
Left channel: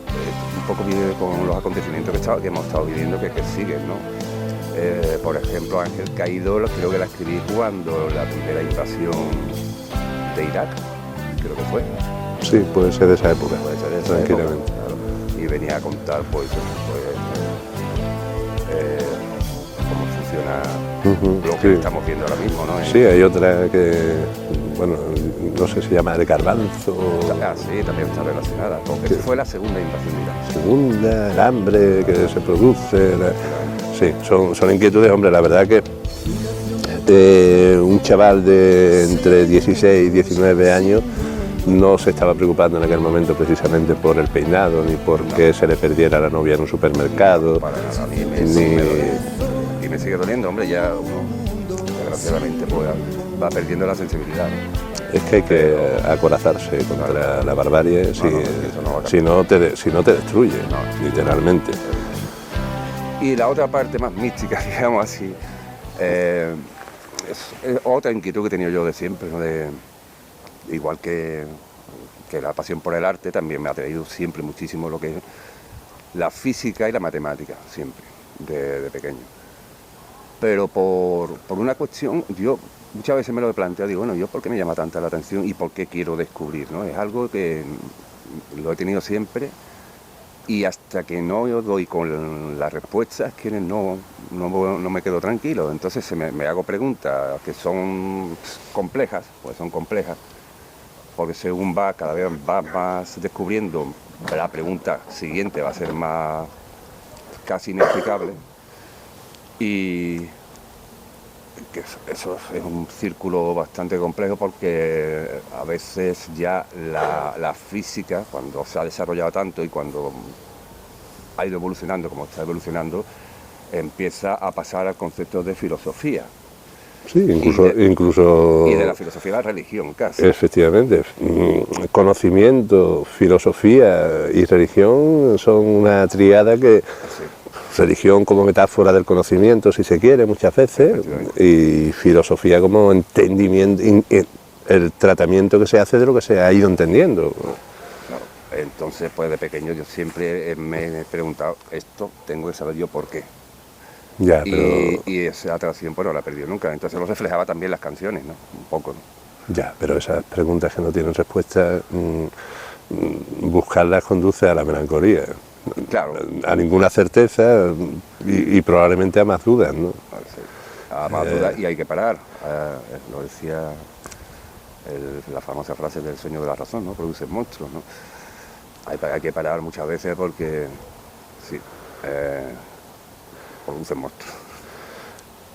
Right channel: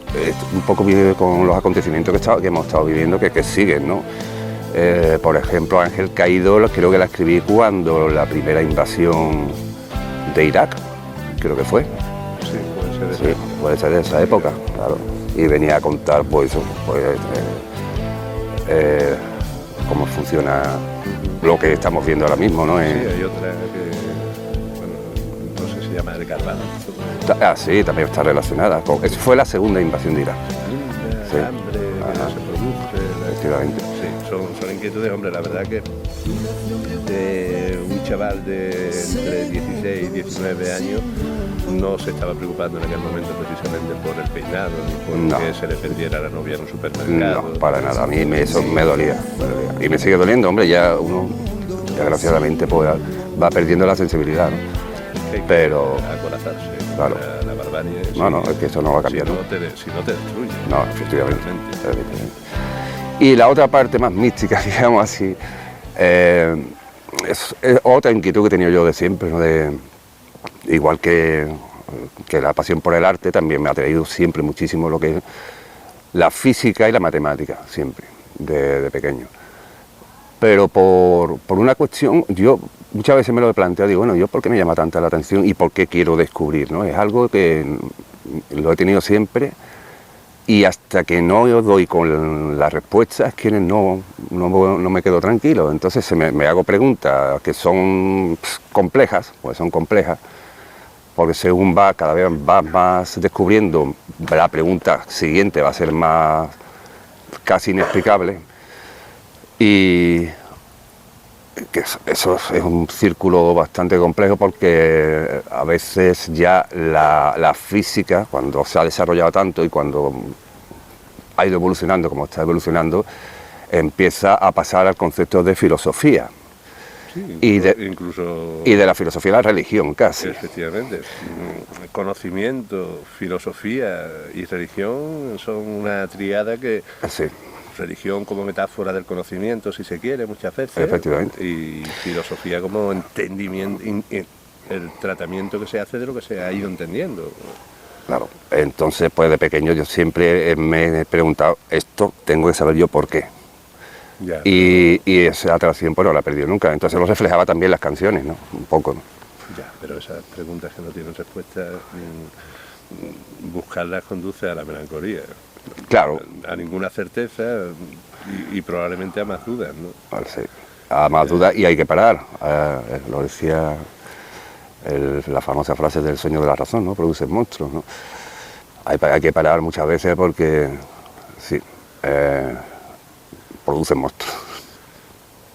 un poco con los acontecimientos que hemos estado viviendo, que siguen, ¿no? Por ejemplo, Ángel Caído creo que la escribí cuando la primera invasión de Irak, creo que fue. Sí, puede ser de esa época. Puede ser de esa época, claro. Y venía a contar, pues cómo funciona lo que estamos viendo ahora mismo, ¿no? Sí, hay otra que, bueno, no sé si se llama El Garbanzo. Sí, también está relacionada. Eso fue la segunda invasión de Irak. El hambre que se produce. Sí, son inquietudes, hombre, la verdad que un chaval de entre 16 y 19 años no se estaba preocupando en aquel momento precisamente por el peinado ni por que se le perdiera la novia en un supermercado. No, para nada, a mí eso me dolía. Y me sigue doliendo, hombre, ya uno desgraciadamente pues, va perdiendo la sensibilidad, ¿no? Es que hay que acorazarse contra la barbarie. No, es que eso no va a cambiar. Si no te destruye, literalmente. Y la otra parte más mística, digamos así, es otra inquietud que he tenido yo de siempre, ¿no? Igual que la pasión por el arte, también me ha atraído siempre muchísimo lo que es la física y la matemática, siempre, de pequeño. Pero por una cuestión, yo muchas veces me lo he planteado, digo, bueno, ¿yo por qué me llama tanta la atención y por qué quiero descubrir, ¿no? Es algo que lo he tenido siempre y hasta que no doy con las respuestas, que no me quedo tranquilo. Entonces me hago preguntas que son complejas, pues son complejas, porque según cada vez vas más descubriendo, la pregunta siguiente va a ser más casi inexplicable. Y que eso es un círculo bastante complejo, porque a veces ya la física, cuando se ha desarrollado tanto y cuando ha ido evolucionando como está evolucionando, empieza a pasar al concepto de filosofía. Sí, incluso... Y de la filosofía a la religión, casi. Efectivamente. Conocimiento, filosofía y religión son una tríada que... Sí. Religión como metáfora del conocimiento, si se quiere, muchas veces. Efectivamente. Y filosofía como entendimiento, el tratamiento que se hace de lo que se ha ido entendiendo. Claro. Entonces, pues de pequeño yo siempre me he preguntado, esto tengo que saber yo por qué. Ya, y esa atracción pues no la he perdido nunca. Entonces lo reflejaba también las canciones, ¿no? Un poco, ¿no? Ya, pero esas preguntas que no tienen respuesta, buscarlas conduce a la melancolía. Claro. A ninguna certeza y probablemente a más dudas, ¿no? Sí. A más dudas, y hay que parar. Lo decía la famosa frase del sueño de la razón, ¿no? Produce monstruos, ¿no? Hay que parar muchas veces porque, sí, producen monstruos.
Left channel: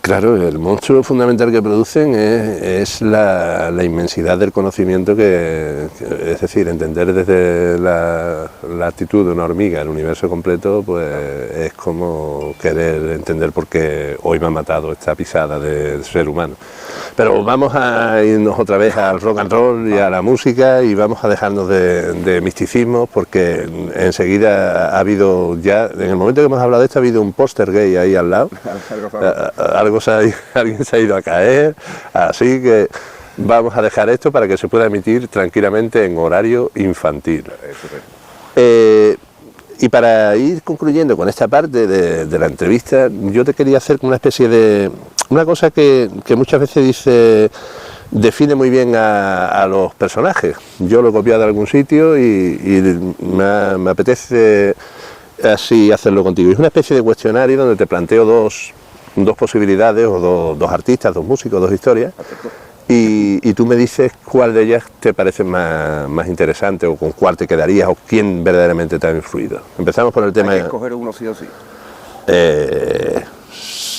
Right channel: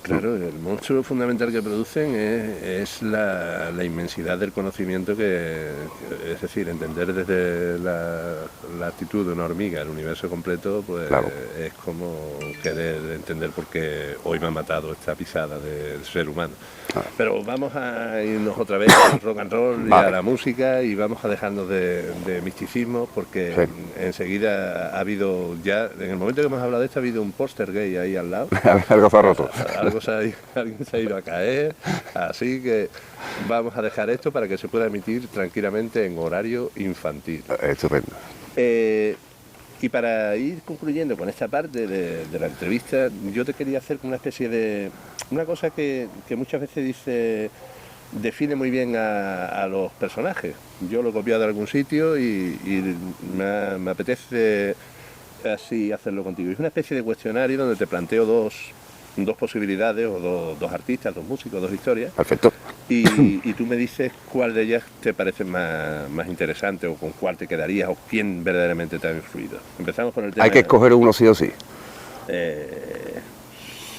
Claro, el monstruo fundamental que producen es la inmensidad del conocimiento es decir, entender desde la actitud de una hormiga el universo completo, pues claro, es como querer entender por qué hoy me ha matado esta pisada de ser humano. Pero vamos a irnos otra vez al rock and roll y a la música, y vamos a dejarnos de misticismo, porque enseguida ha habido ya, en el momento que hemos hablado de esto, ha habido un póster gay ahí al lado. Alguien se ha ido a caer, así que vamos a dejar esto para que se pueda emitir tranquilamente en horario infantil. Estupendo. Y para ir concluyendo con esta parte de la entrevista, yo te quería hacer una especie de... una cosa que muchas veces define muy bien a los personajes. Yo lo he copiado de algún sitio y me apetece así hacerlo contigo. Es una especie de cuestionario donde te planteo dos posibilidades, o dos artistas, dos músicos, dos historias. Perfecto. Y tú me dices cuál de ellas te parece más interesante, o con cuál te quedarías, o quién verdaderamente te ha influido. Empezamos por el tema... ¿Hay que escoger uno sí o sí?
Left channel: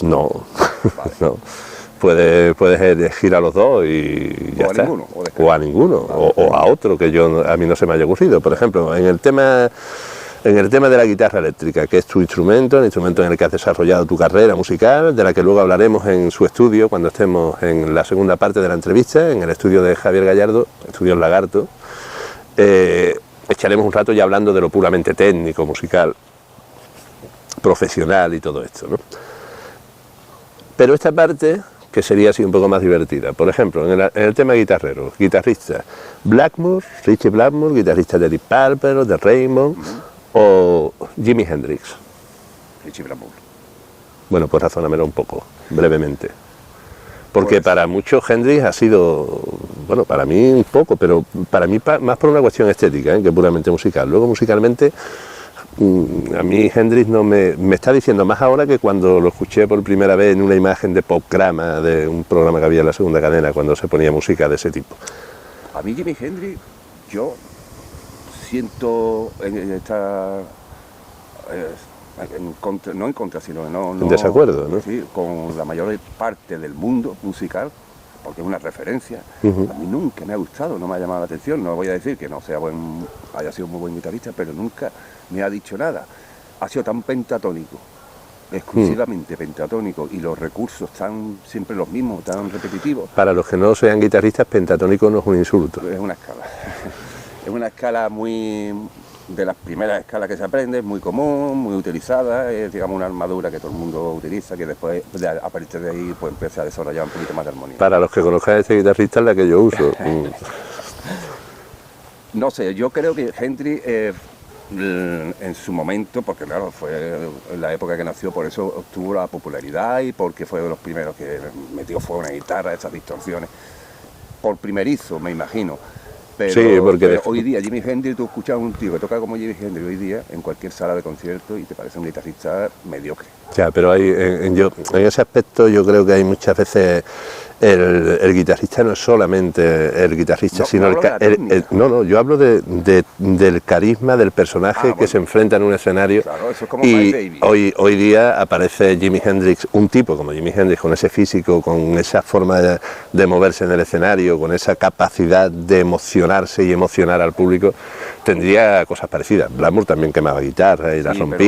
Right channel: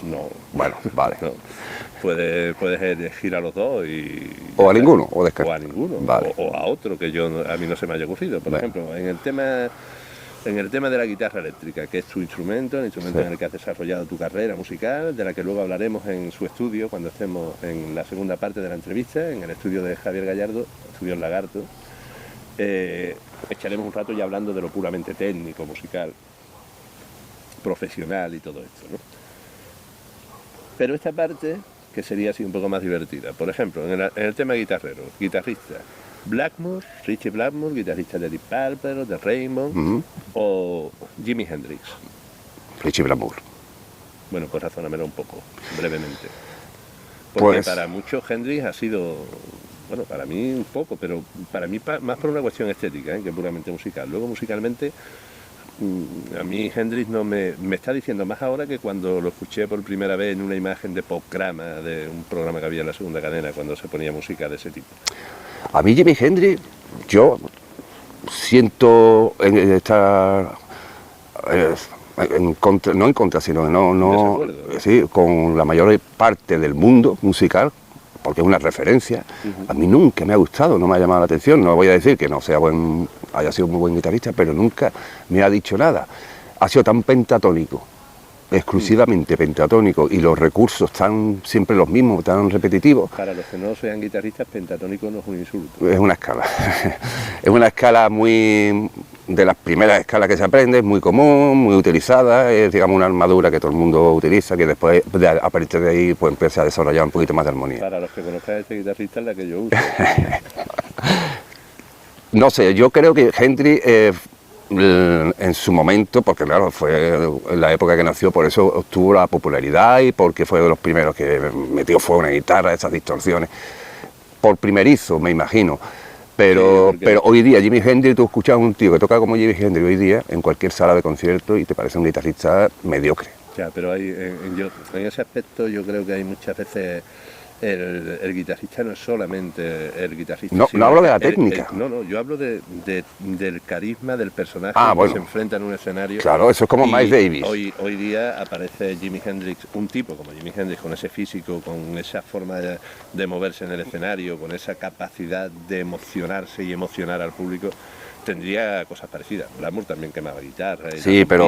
No. Vale. No. Puedes elegir a los dos y... O a ninguno. O a ninguno. Vale. O a otro que a mí no se me haya ocurrido. Por ejemplo, en el tema de la guitarra eléctrica, que es tu instrumento, el instrumento en el que has desarrollado tu carrera musical, de la que luego hablaremos en su estudio cuando estemos en la segunda parte de la entrevista, en el estudio de Javier Gallardo, Estudios Lagarto. Echaremos un rato ya hablando de lo puramente técnico, musical, profesional y todo esto, ¿no? Pero esta parte, que sería así un poco más divertida, por ejemplo, en el tema guitarrero, guitarrista Blackmore, Richie Blackmore, guitarrista de Deep Purple, de Rainbow, o Jimi Hendrix. Richie Blackmore. Bueno, pues razónamelo un poco, brevemente. Porque pues, para muchos Hendrix ha sido, bueno, para mí un poco, pero para mí más por una cuestión estética, que puramente musical. Luego musicalmente, a mí Hendrix no me está diciendo más ahora que cuando lo escuché por primera vez en una imagen de Popgrama, de un programa que había en la segunda cadena, cuando se ponía música de ese tipo. A mí Jimi Hendrix, yo siento estar en contra, no en contra, sino no desacuerdo, ¿no? Sí, con la mayor parte del mundo musical, porque es una referencia. A mí nunca me ha gustado, no me ha llamado la atención. No voy a decir que no sea haya sido muy buen guitarrista, pero nunca me ha dicho nada. Ha sido tan pentatónico, exclusivamente pentatónico, y los recursos están siempre los mismos, tan repetitivos. Para los que no sean guitarristas, pentatónico no es un insulto. Es una escala. Es una escala muy... de las primeras escalas que se aprende, es muy común, muy utilizada, es, digamos, una armadura que todo el mundo utiliza, que después, a partir de ahí, pues empieza a desarrollar un poquito más de armonía. Para los que conozcan a este guitarrista, es la que yo uso. No sé, yo creo que Hendrix, en su momento, porque claro, fue en la época que nació, por eso obtuvo la popularidad y porque fue de los primeros que metió fuego en una guitarra, esas distorsiones, por primerizo, me imagino. Pero hoy día, Jimi Hendrix, tú escuchas a un tío que toca como Jimi Hendrix hoy día en cualquier sala de concierto y te parece un guitarrista mediocre. Ya, pero en ese aspecto yo creo que hay muchas veces el guitarrista no es solamente el guitarrista, no, sino no hablo de la técnica. Yo hablo del carisma del personaje que se enfrenta en un escenario. Claro, eso es como Miles Davis. Hoy día aparece Jimi Hendrix, un tipo como Jimi Hendrix, con ese físico, con esa forma de moverse en el escenario, con esa capacidad de emocionarse y emocionar al público. Tendría cosas parecidas. Blackmore también quemaba guitarra y sí, pero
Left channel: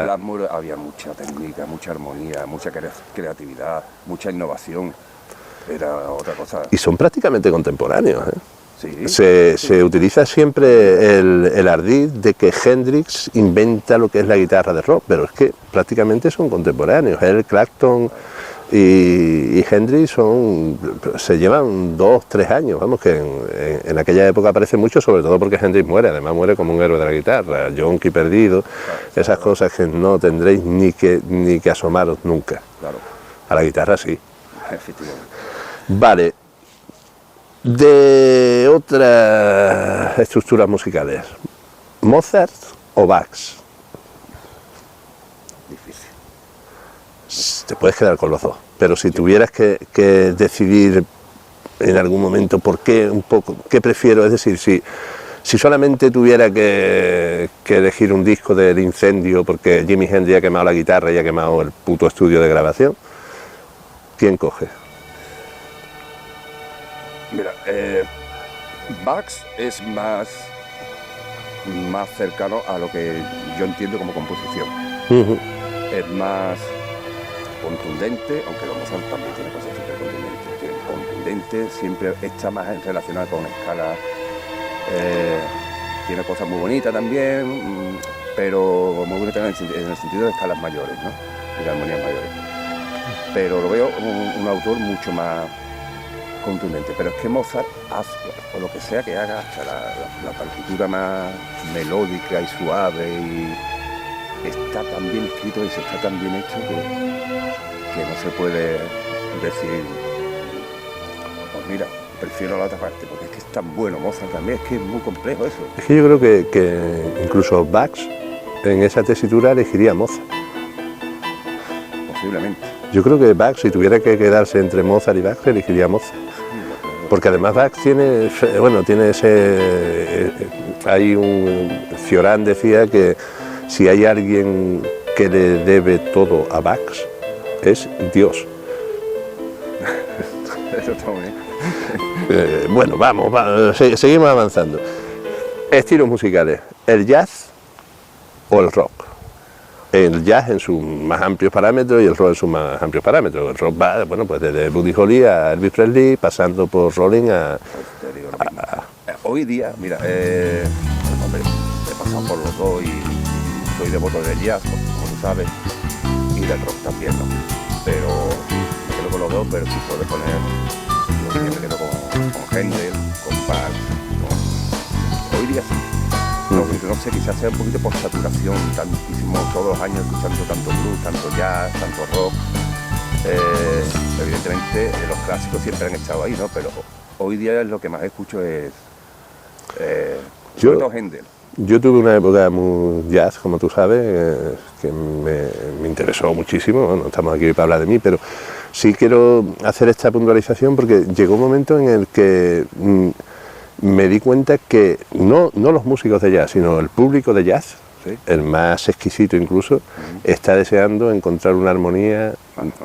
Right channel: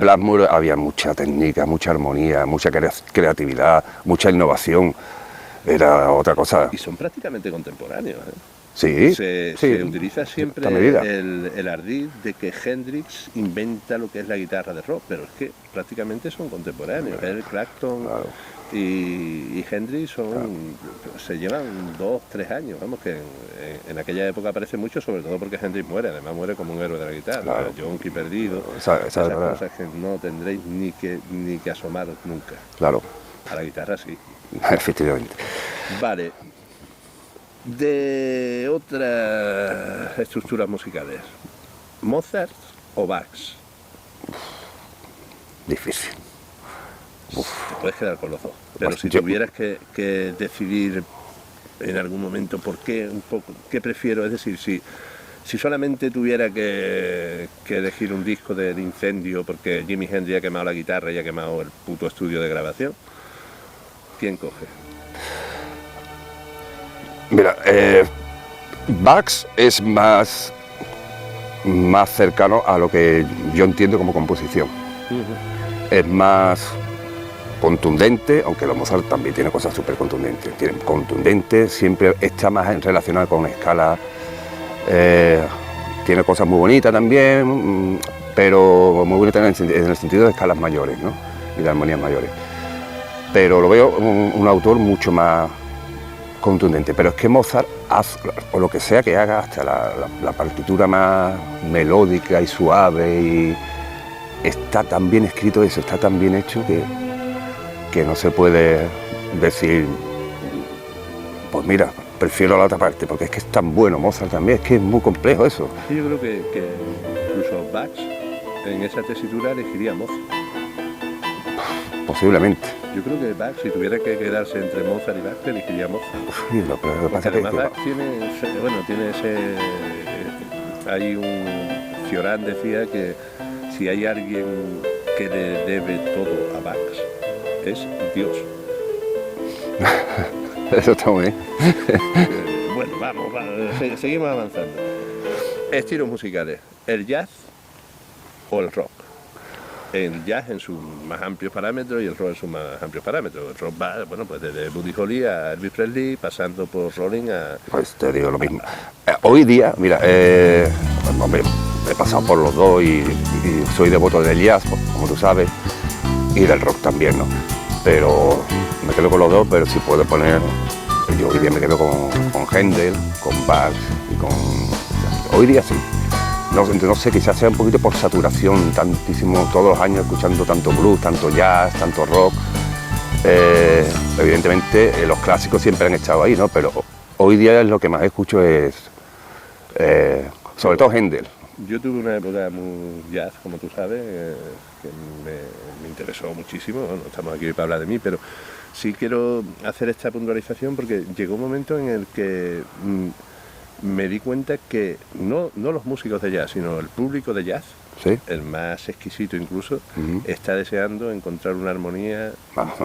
Blackmore había mucha técnica, mucha armonía, mucha creatividad, mucha innovación. Era otra cosa. Y son prácticamente contemporáneos, ¿eh? Sí. Se utiliza siempre el ardid de que Hendrix inventa lo que es la guitarra de rock, pero es que prácticamente son contemporáneos. Eric Clapton y Hendrix se llevan 2-3 años, vamos, que en aquella época aparece mucho, sobre todo porque Hendrix muere, además muere como un héroe de la guitarra, yonki perdido, esas cosas que no tendréis ni que asomaros nunca. Claro. A la guitarra sí. Efectivamente. Vale. De otras estructuras musicales, ¿Mozart o Bach? Difícil. Te puedes quedar con los dos, pero si tuvieras que decidir en algún momento por qué, un poco, qué prefiero, es decir, si solamente tuviera que elegir un disco del Incendio porque Jimi Hendrix ha quemado la guitarra y ha quemado el puto estudio de grabación, ¿quién coge? Mira, Bach es más cercano a lo que yo entiendo como composición. Es más contundente, aunque la Mozart también tiene cosas súper contundentes, siempre está más relacionada con escala, tiene cosas muy bonitas también, pero muy bonitas en el sentido de escalas mayores, ¿no? Y de armonías mayores. Pero lo veo un autor mucho más contundente, pero es que Mozart hace, o lo que sea que haga, hasta la partitura más melódica y suave, y está tan bien escrito eso, está tan bien hecho que no se puede decir, pues mira, prefiero la otra parte, porque es que es tan bueno Mozart también, es que es muy complejo eso. Es que yo creo que incluso Bach en esa tesitura elegiría Mozart. Posiblemente. Yo creo que Bach, si tuviera que quedarse entre Mozart y Bach, elegiría Mozart. Porque además Bach tiene ese... Hay un... Cioran decía que si hay alguien que le debe todo a Bach, es Dios. Eso está muy bien. Bueno, vamos, seguimos avanzando. Estilos musicales, el jazz o el rock. El jazz en sus más amplios parámetros y el rock en sus más amplios parámetros. El rock va, bueno, pues desde Buddy Holly a Elvis Presley, pasando por Rolling a... Pues te digo lo mismo. Hoy día, mira, hombre, he pasado por los dos y soy devoto del jazz, como tú sabes, y del rock también, ¿no? Pero me quedo con los dos, pero si puedo poner, yo hoy día me quedo con Händel, con Bach, hoy día sí. No sé, quizás sea un poquito por saturación, tantísimo, todos los años escuchando tanto blues, tanto jazz, tanto rock. Evidentemente los clásicos siempre han estado ahí, ¿no? Pero hoy día lo que más escucho es, sobre todo Händel. Yo tuve una época muy jazz, como tú sabes, que me interesó muchísimo. Bueno, no estamos aquí para hablar de mí, pero sí quiero hacer esta puntualización porque llegó un momento en el que me di cuenta que no los músicos de jazz, sino el público de jazz, ¿sí?, el más exquisito incluso, está deseando encontrar una armonía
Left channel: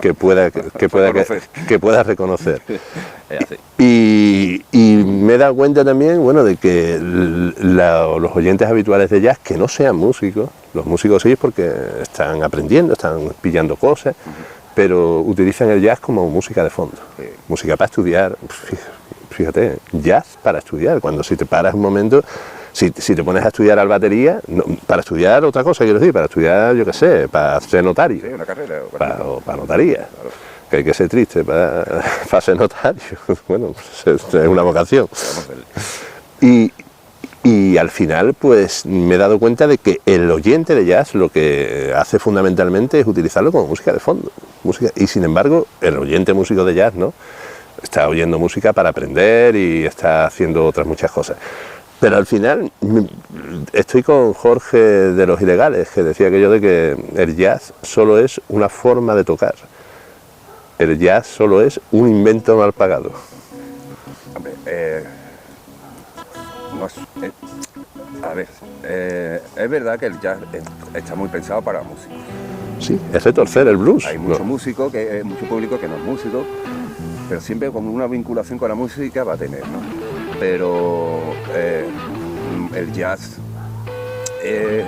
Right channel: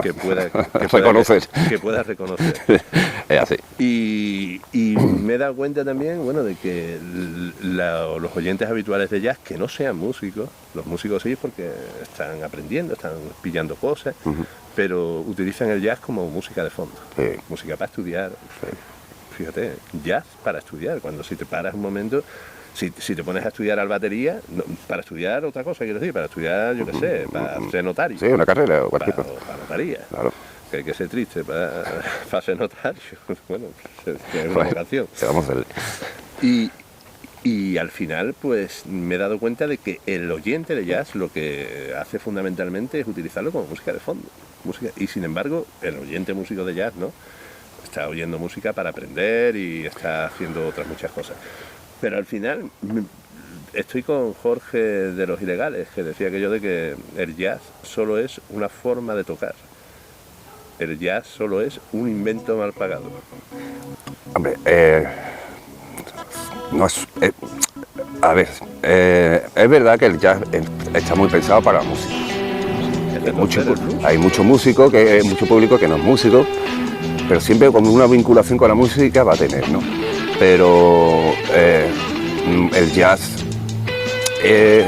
que pueda reconocer. Es así. Y me he dado cuenta también, bueno, de que los oyentes habituales de jazz, que no sean músicos, los músicos sí es porque están aprendiendo, están pillando cosas, pero utilizan el jazz como música de fondo, música para estudiar. Fíjate, jazz para estudiar, cuando si te paras un momento, si te pones a estudiar al batería, no, para estudiar otra cosa, quiero decir, para estudiar, yo qué sé, para ser notario. Sí, una carrera o cualquier cosa. Para notaría, claro. Que hay que ser triste para ser notario. Bueno, pues es una vocación. Vamos a ver. Y al final, pues me he dado cuenta de que el oyente de jazz lo que hace fundamentalmente es utilizarlo como música de fondo. Y sin embargo, el oyente músico de jazz, ¿no?, está oyendo música para aprender y está haciendo otras muchas cosas. Pero al final estoy con Jorge de Los Ilegales, que decía aquello de que el jazz solo es una forma de tocar. El jazz solo es un invento mal pagado. Hombre, no es... a ver, es verdad que el jazz está muy pensado para la música. Sí, excepto el blues. Hay mucho músico, mucho público que no es músico, pero siempre con una vinculación con la música va a tener, ¿no? Pero el jazz es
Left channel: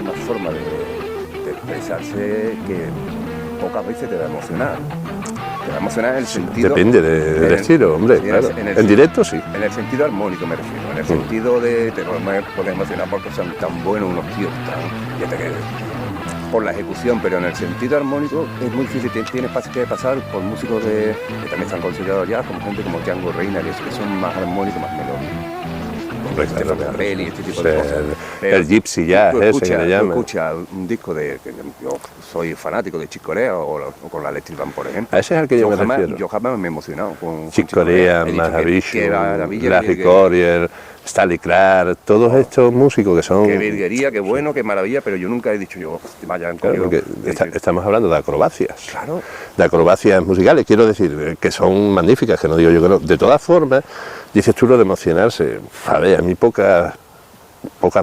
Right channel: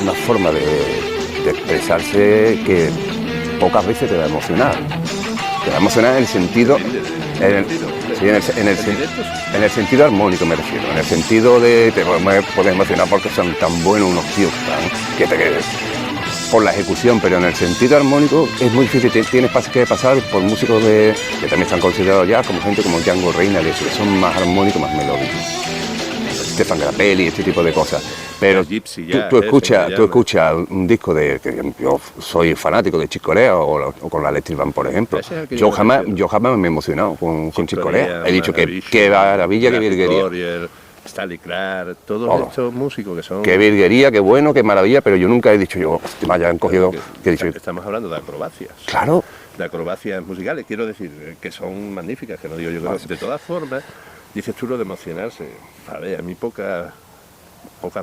una forma de expresarse que pocas veces te va a emocionar. Te va a emocionar en el sentido... Depende del estilo, hombre. Sí, claro. en el directo sí. En el sentido armónico me refiero, en el sentido de te puedes emocionar porque son tan buenos unos tíos, ¿no?, que te quedes por la ejecución, pero en el sentido armónico es muy difícil. Tienes que pasar por músicos que también están considerados ya como gente como Django Reinhardt, que son más armónicos, más melódicos. Stefan de la Peli, este tipo de cosas. Pero el Gypsy Jazz. Tú escuchas un disco de que yo soy fanático de Chick Corea o con la Electric Band, por ejemplo. Ese es el que yo jamás me he emocionado con Chick Corea. He dicho que qué maravilla, qué virguería. Stanley Clarke, todos estos músicos que son... Qué virguería, qué bueno, qué maravilla, pero yo nunca he dicho te me hayan cogido... Estamos hablando de acrobacias. Claro. De acrobacias musicales, quiero decir, que son magníficas, que no digo yo que no. De todas formas, dices tú lo de emocionarse. A ver, a mí pocas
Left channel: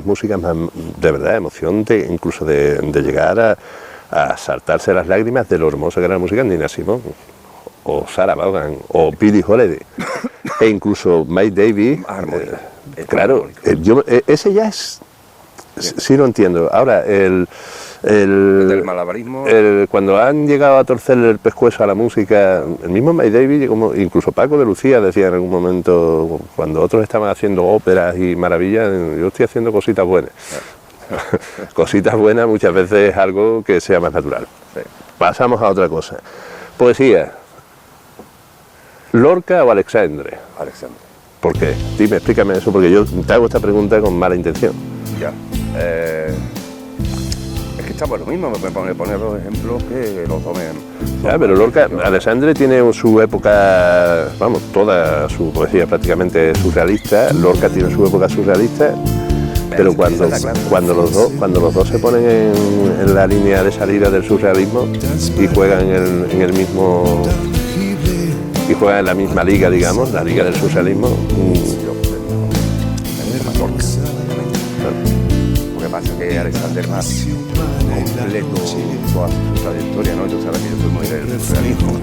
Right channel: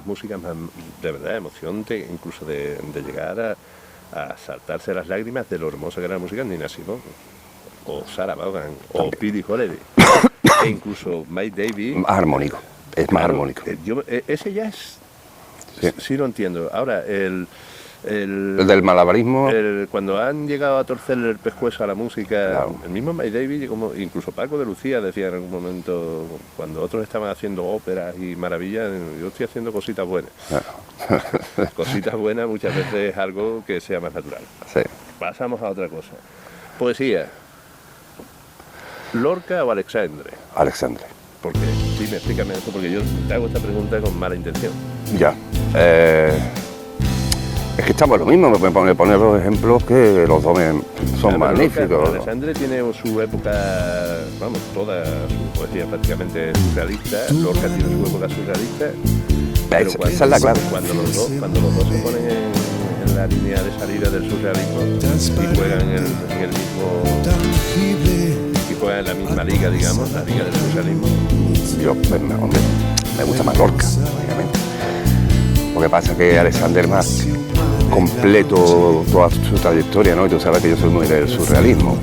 músicas más, de verdad, emoción, incluso de llegar a saltarse las lágrimas de lo hermoso que era la música, Nina Simone. o Sarah Vaughan, o Billie Holiday, e incluso Mike Davis. Más armónico. Es más Claro, armónico. Ese ya es... Sí lo entiendo. Ahora, El del malabarismo. cuando han llegado a torcerle el pescuezo a la música, el mismo Mike Davis, como incluso Paco de Lucía decía en algún momento, cuando otros estaban haciendo óperas y maravillas, yo estoy haciendo cositas buenas. Cositas buenas muchas veces es algo que sea más natural. Sí. Pasamos a otra cosa. Poesía. ¿Lorca o Alexandre? Alexandre. ¿Por qué? Dime, explícame eso, porque yo te hago esta pregunta con mala intención. Ya. Es que estamos lo mismo, me poner los ejemplos que los dos son Pero Lorca, magníficos. Alexandre tiene su época, vamos, toda su poesía prácticamente surrealista. Lorca tiene su época surrealista. Pero Esa es la clave. cuando los dos se ponen en la línea de salida del surrealismo y juegan en el mismo y juegan en la misma liga, digamos, la liga del socialismo. Yo me gusta más Lorca, obviamente. Lo que pasa es que Alexander más completo toda su trayectoria, ¿no? Tú sabes que yo soy muy del surrealismo.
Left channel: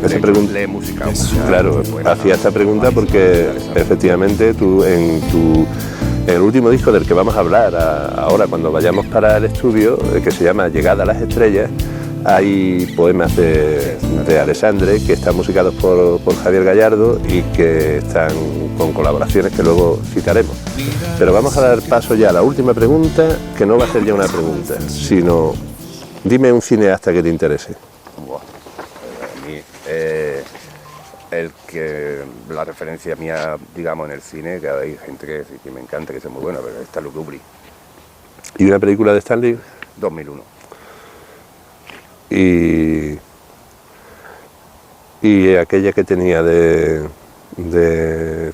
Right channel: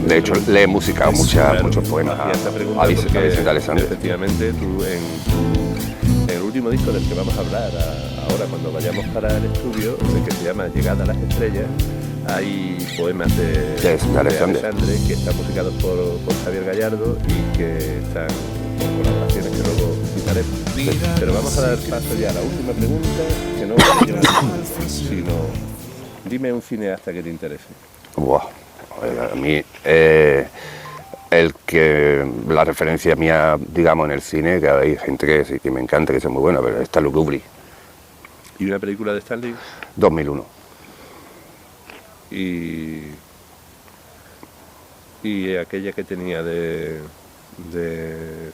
De hecho, le he musicado Claro, mucho poemas. hacía esta pregunta porque efectivamente tú en el último disco del que vamos a hablar ahora cuando vayamos para el estudio, que se llama Llegada a las Estrellas, hay poemas de Alexandre que están musicados por Javier Gallardo y que están con colaboraciones que luego citaremos. Pero vamos a dar paso ya a la última pregunta, que no va a ser ya una pregunta, sino dime un cineasta que te interese. Wow. A mí, la referencia mía, digamos, en el cine, que hay gente que sí que me encanta, que es muy buena, pero es Stanley Kubrick. ¿Y una película de Stanley? 2001. Y aquella que tenía de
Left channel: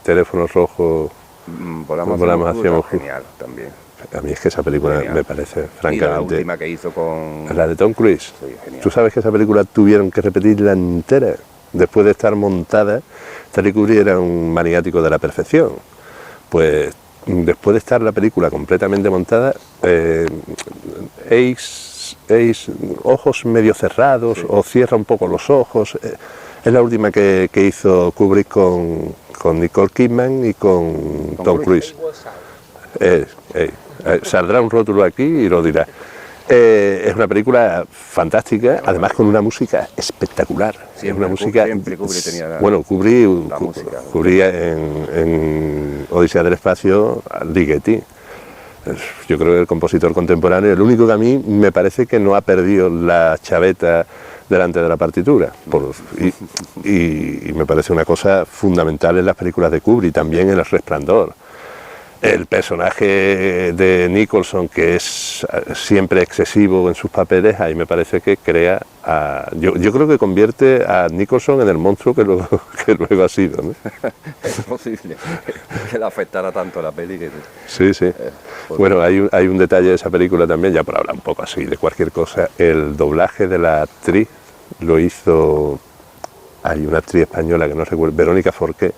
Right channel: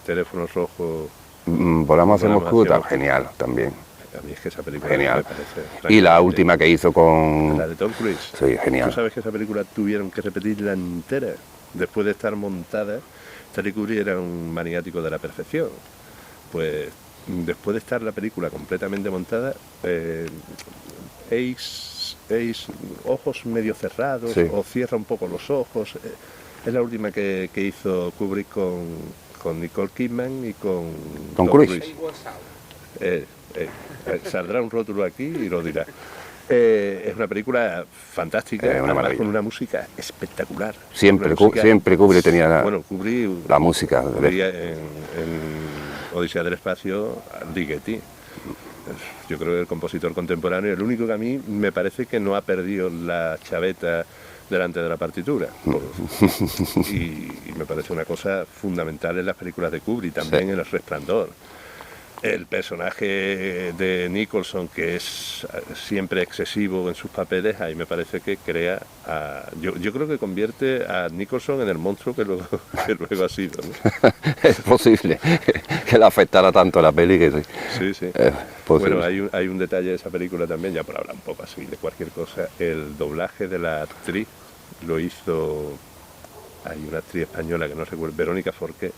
teléfonos rojos. Volamos hacia oscuro, genial también. A mí es que esa película Genial. me parece, Y la francamente, última que hizo con... la de Tom Cruise. Sí, genial. Tú sabes que esa película tuvieron que repetirla entera después de estar montada. Stanley Kubrick era un maniático de la perfección. Pues después de estar la película completamente montada, ojos medio cerrados, sí, o cierra un poco los ojos. Es la última que hizo Kubrick con Nicole Kidman y con Tom Cruise. Saldrá un rótulo aquí y lo dirá. Es una película fantástica, además con una música espectacular. Siempre Kubrick tenía Bueno, Kubrick, la música. Kubrick en Odisea del Espacio, Ligeti. Yo creo que el compositor contemporáneo, el único que a mí me parece que no ha perdido la chaveta delante de la partitura. Y me parece una cosa fundamental en las películas de Kubrick, también en El Resplandor. El personaje de Nicholson, que es siempre excesivo en sus papeles, ahí me parece que crea... Yo creo que convierte a Nicholson en el monstruo que luego ha sido, ¿no? Es posible que le afectara tanto a la peli que... Sí. Bueno, hay un detalle de esa película también, ya por hablar un poco así de cualquier cosa. El doblaje de la actriz lo hizo... Hay una actriz española que no recuerdo, Verónica Forqué.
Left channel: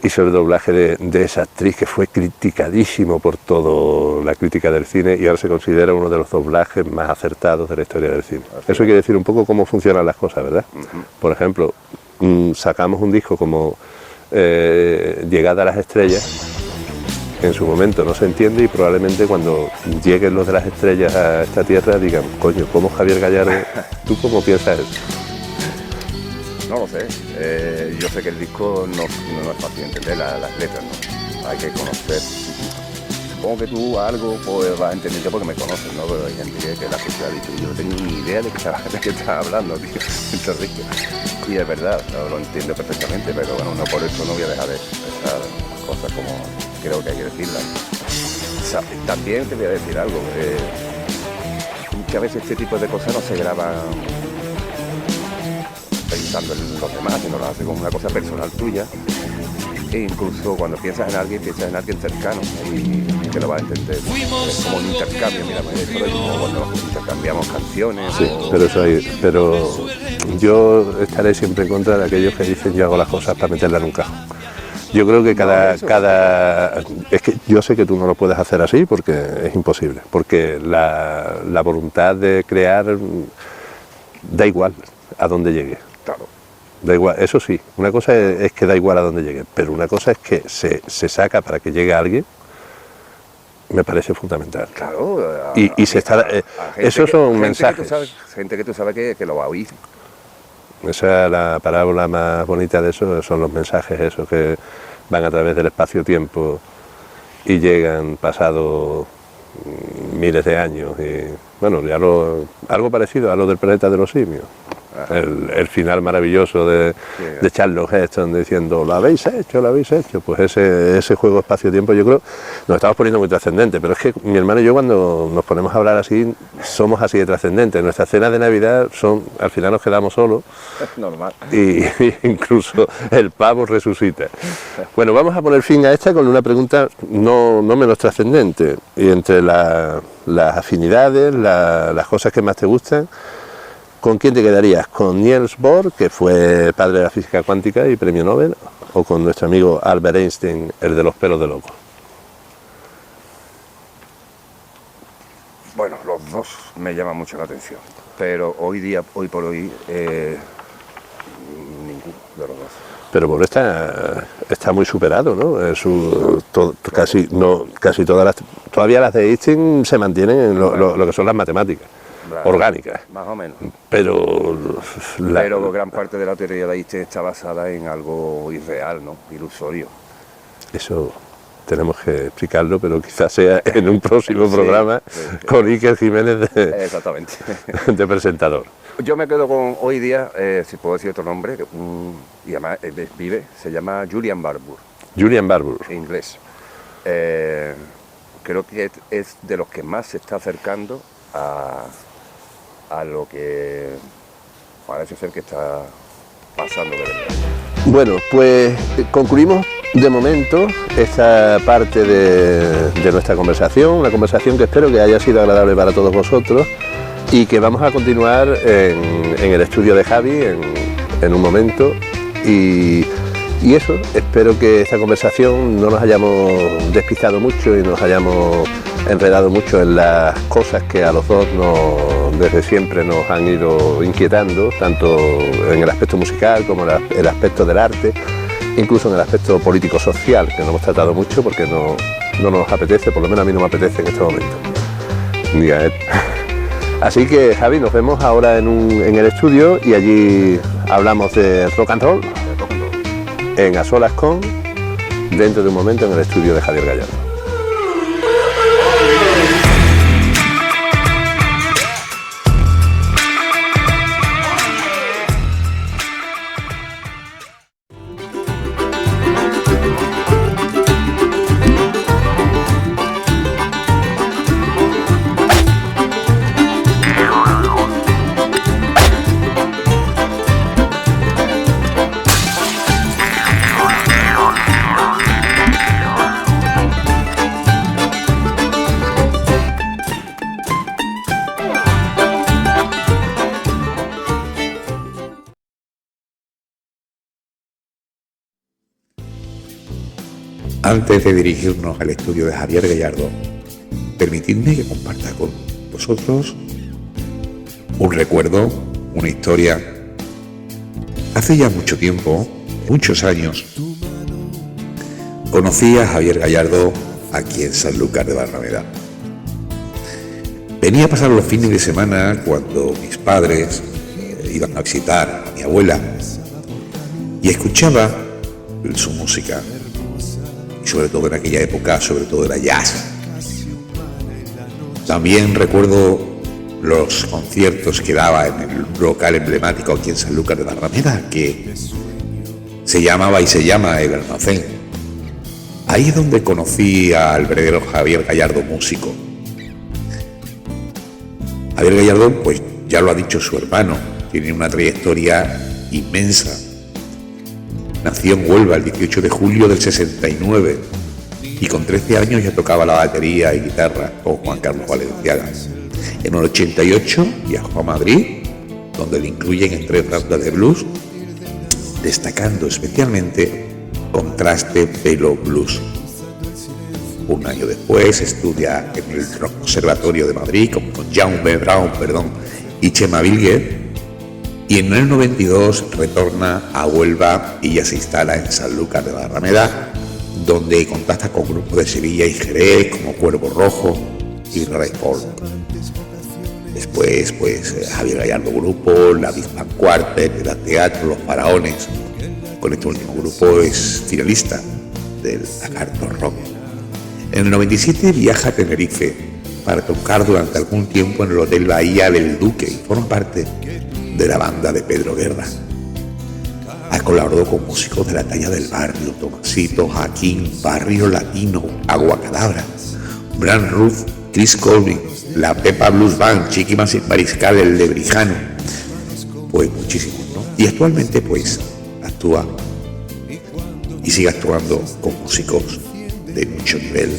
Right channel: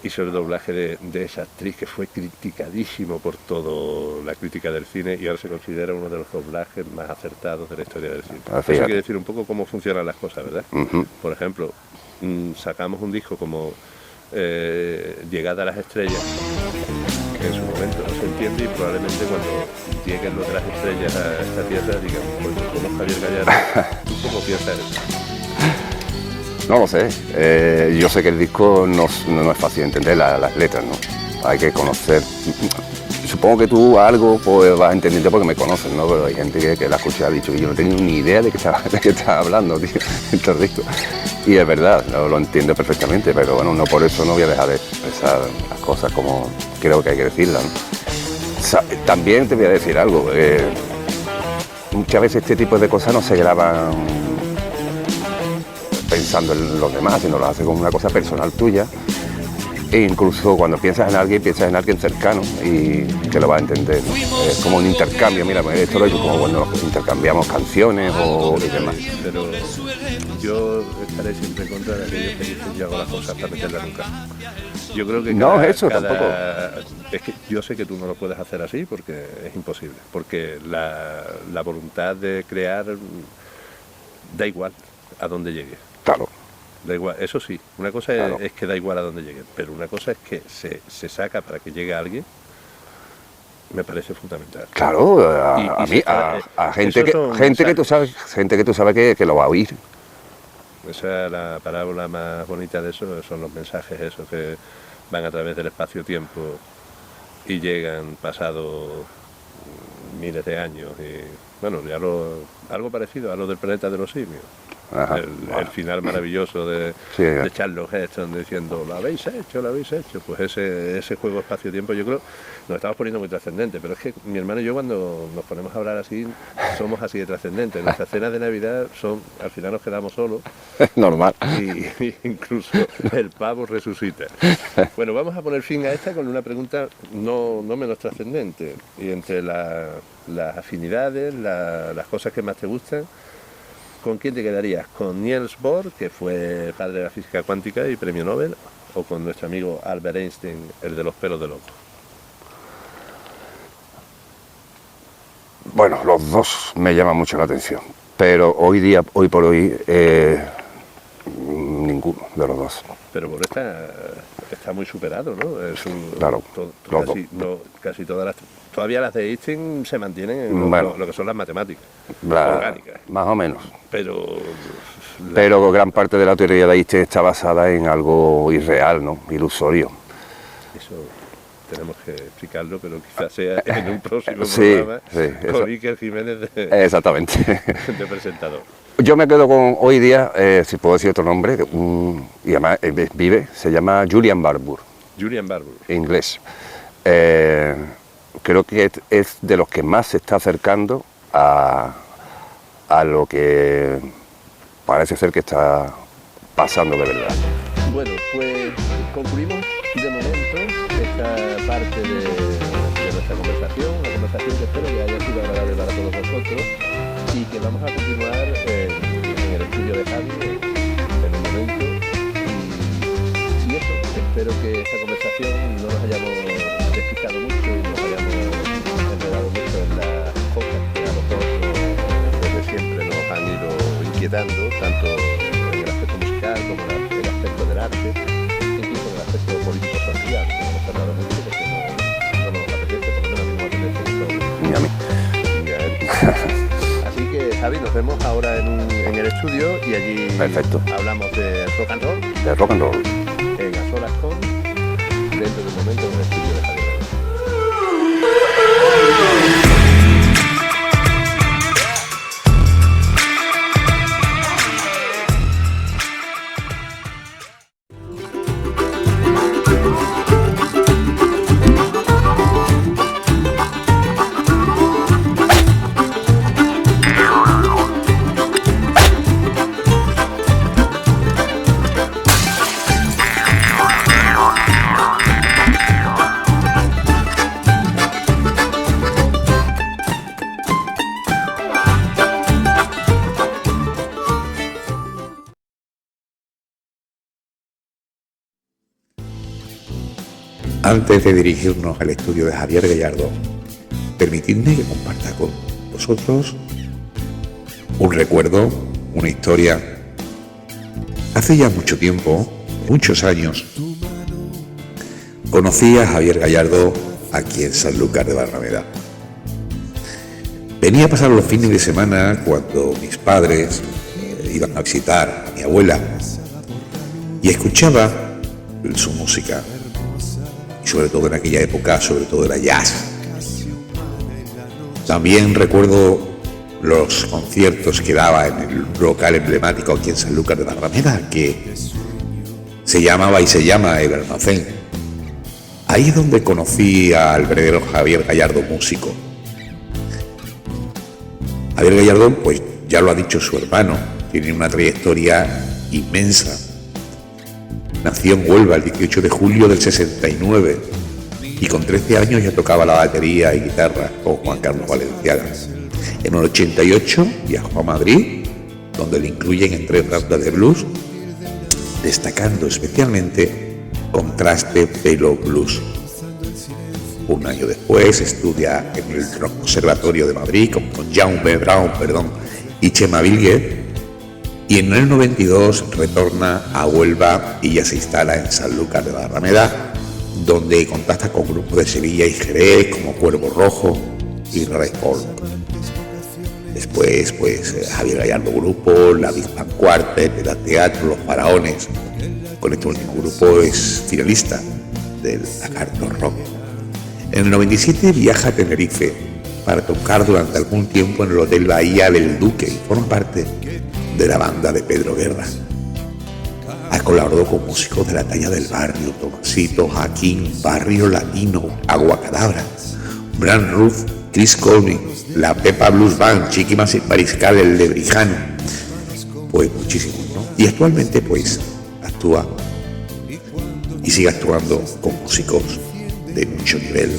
Hizo el doblaje de esa actriz que fue criticadísimo por toda la crítica del cine y ahora se considera uno de los doblajes más acertados de la historia del cine. Eso quiere decir un poco cómo funcionan las cosas, ¿verdad? Por ejemplo, sacamos un disco como Llegada a las Estrellas, que en su momento no se entiende y probablemente cuando lleguen los de las estrellas a esta tierra digan, coño, ¿cómo Javier Gallardo? ¿Tú cómo piensas eso? No lo sé. Yo sé que el disco no es fácil de entender, las letras, ¿no? Hay que conocer. Supongo que tú algo pues, vas a entender porque me conoces, ¿no? Pero hay gente que la escucha ha dicho que yo no tengo ni idea de qué estás hablando, tío. Este disco. Y es verdad, lo entiendo perfectamente, pero bueno, no por eso no voy a dejar de expresar las cosas como creo que hay que decirlas, ¿no? O sea, también te voy a decir algo. Muchas veces este tipo de cosas no se graban pensando en los demás, sino lo hace como una cosa personal tuya. E incluso cuando piensas en alguien cercano y que lo va a entender. Es como un intercambio, mira, pues esto lo he como cuando intercambiamos canciones o... Pero yo estaré siempre en contra de aquellos que dicen yo hago las cosas para meterla en un cajón. Yo creo que es que yo sé que tú no lo puedes hacer así porque es imposible, porque la voluntad de crear da igual a dónde llegue. Claro. Da igual, eso sí, una cosa es que da igual a dónde llegue, pero una cosa es que se saca para que llegue a alguien, me parece fundamental. Claro, a gente que tú sabes que lo va a oír. Esa es la parábola más bonita de eso, son los mensajes esos que van a través del espacio-tiempo y llegan pasados miles de años. Y bueno, ya algo parecido a lo del planeta de los simios. El final maravilloso de Charlton Heston diciendo lo habéis hecho, pues ese juego espacio-tiempo yo creo nos estamos poniendo muy trascendente, pero es que mi hermano y yo cuando nos ponemos a hablar así somos así de trascendentes. Nuestras cenas de Navidad al final nos quedamos solos. Normal. Y incluso el pavo resucita. Bueno, vamos a poner fin a esta con una pregunta no menos trascendente, y entre las afinidades, las cosas que más te gustan, ¿con quién te quedarías? ¿Con Niels Bohr, que fue padre de la física cuántica y premio Nobel, o con nuestro amigo Albert Einstein, el de los pelos de loco? Bueno, los dos me llaman mucho la atención, pero hoy por hoy, ninguno de los dos. Pero Bohr está muy superado, ¿no? Claro, casi todas las... Todavía las de Einstein se mantienen en lo que son las matemáticas orgánicas. Más o menos. Pero gran parte de la teoría de Einstein está basada en algo irreal, ¿no? Ilusorio. Eso tenemos que explicarlo, pero quizás sea en un próximo programa con Iker Jiménez Exactamente. de presentador. Yo me quedo con hoy día, si puedo decir otro nombre, y además se llama Julian Barbour. Julian Barbour. Inglés. Creo que es de los que más se está acercando a lo que parece ser que está pasando de verdad. Bueno, pues concluimos de momento esta parte de nuestra conversación, una conversación que espero que haya sido agradable para todos vosotros y que vamos a continuar en el estudio de Javi en un momento y eso, espero que esta conversación no nos hayamos despistado mucho y nos hayamos enredado mucho en las cosas que a los dos desde siempre nos han ido inquietando, tanto en el aspecto musical como en el aspecto del arte, incluso en el aspecto político-social, que no hemos tratado mucho porque no nos apetece, por lo menos a mí no me apetece en este momento. Ni a él. Así que, Javi, nos vemos ahora en el estudio y allí hablamos de rock and roll, en A Solas Con, dentro de un momento en el estudio de Javier Gallardo. Antes de dirigirnos al estudio de Javier Gallardo, permitidme que comparta con vosotros un recuerdo, una historia. Hace ya mucho tiempo, muchos años, conocí a Javier Gallardo aquí en Sanlúcar de Barrameda. Venía a pasar los fines de semana cuando mis padres iban a visitar a mi abuela y escuchaba su música. Sobre todo en aquella época, sobre todo era jazz. También recuerdo los conciertos que daba en el local emblemático aquí en Sanlúcar de Barrameda, que se llamaba y se llama El Almacén. Ahí es donde conocí al verdadero Javier Gallardo, músico. Javier Gallardo, pues ya lo ha dicho su hermano, tiene una trayectoria inmensa. Nació en Huelva el 18 de julio del 69 y con 13 años ya tocaba la batería y guitarra con Juan Carlos Valenciaga. En el 88 viajó a Madrid, donde le incluyen en 3 bandas de blues, destacando especialmente Contraste Pelo Blues. Un año después estudia en el Conservatorio de Madrid con Jaume Brown y Chema Vilguer y en el 92 retorna a Huelva y ya se instala en Sanlúcar de Barrameda, donde contacta con grupos de Sevilla y Jerez como Cuervo Rojo y Red Polvo. Después, Javier Gallardo Grupo, la Big Band Quartet, el Teatro, Los Faraones. Con este último grupo es finalista del Lagarto Rock. En el 97 viaja a Tenerife para tocar durante algún tiempo en el Hotel Bahía del Duque y forma parte de la banda de Pedro Guerra. Ha colaborado con músicos de la talla del Barrio, Tomasito, Jaquín, Barrio Latino, Aguacadabra, Bran Ruff, Chris Colvin, la Pepa Blues Band, Chiqui Mariscal, el Lebrijano, pues muchísimos, ¿no? Y actualmente pues actúa y sigue actuando con músicos de mucho nivel.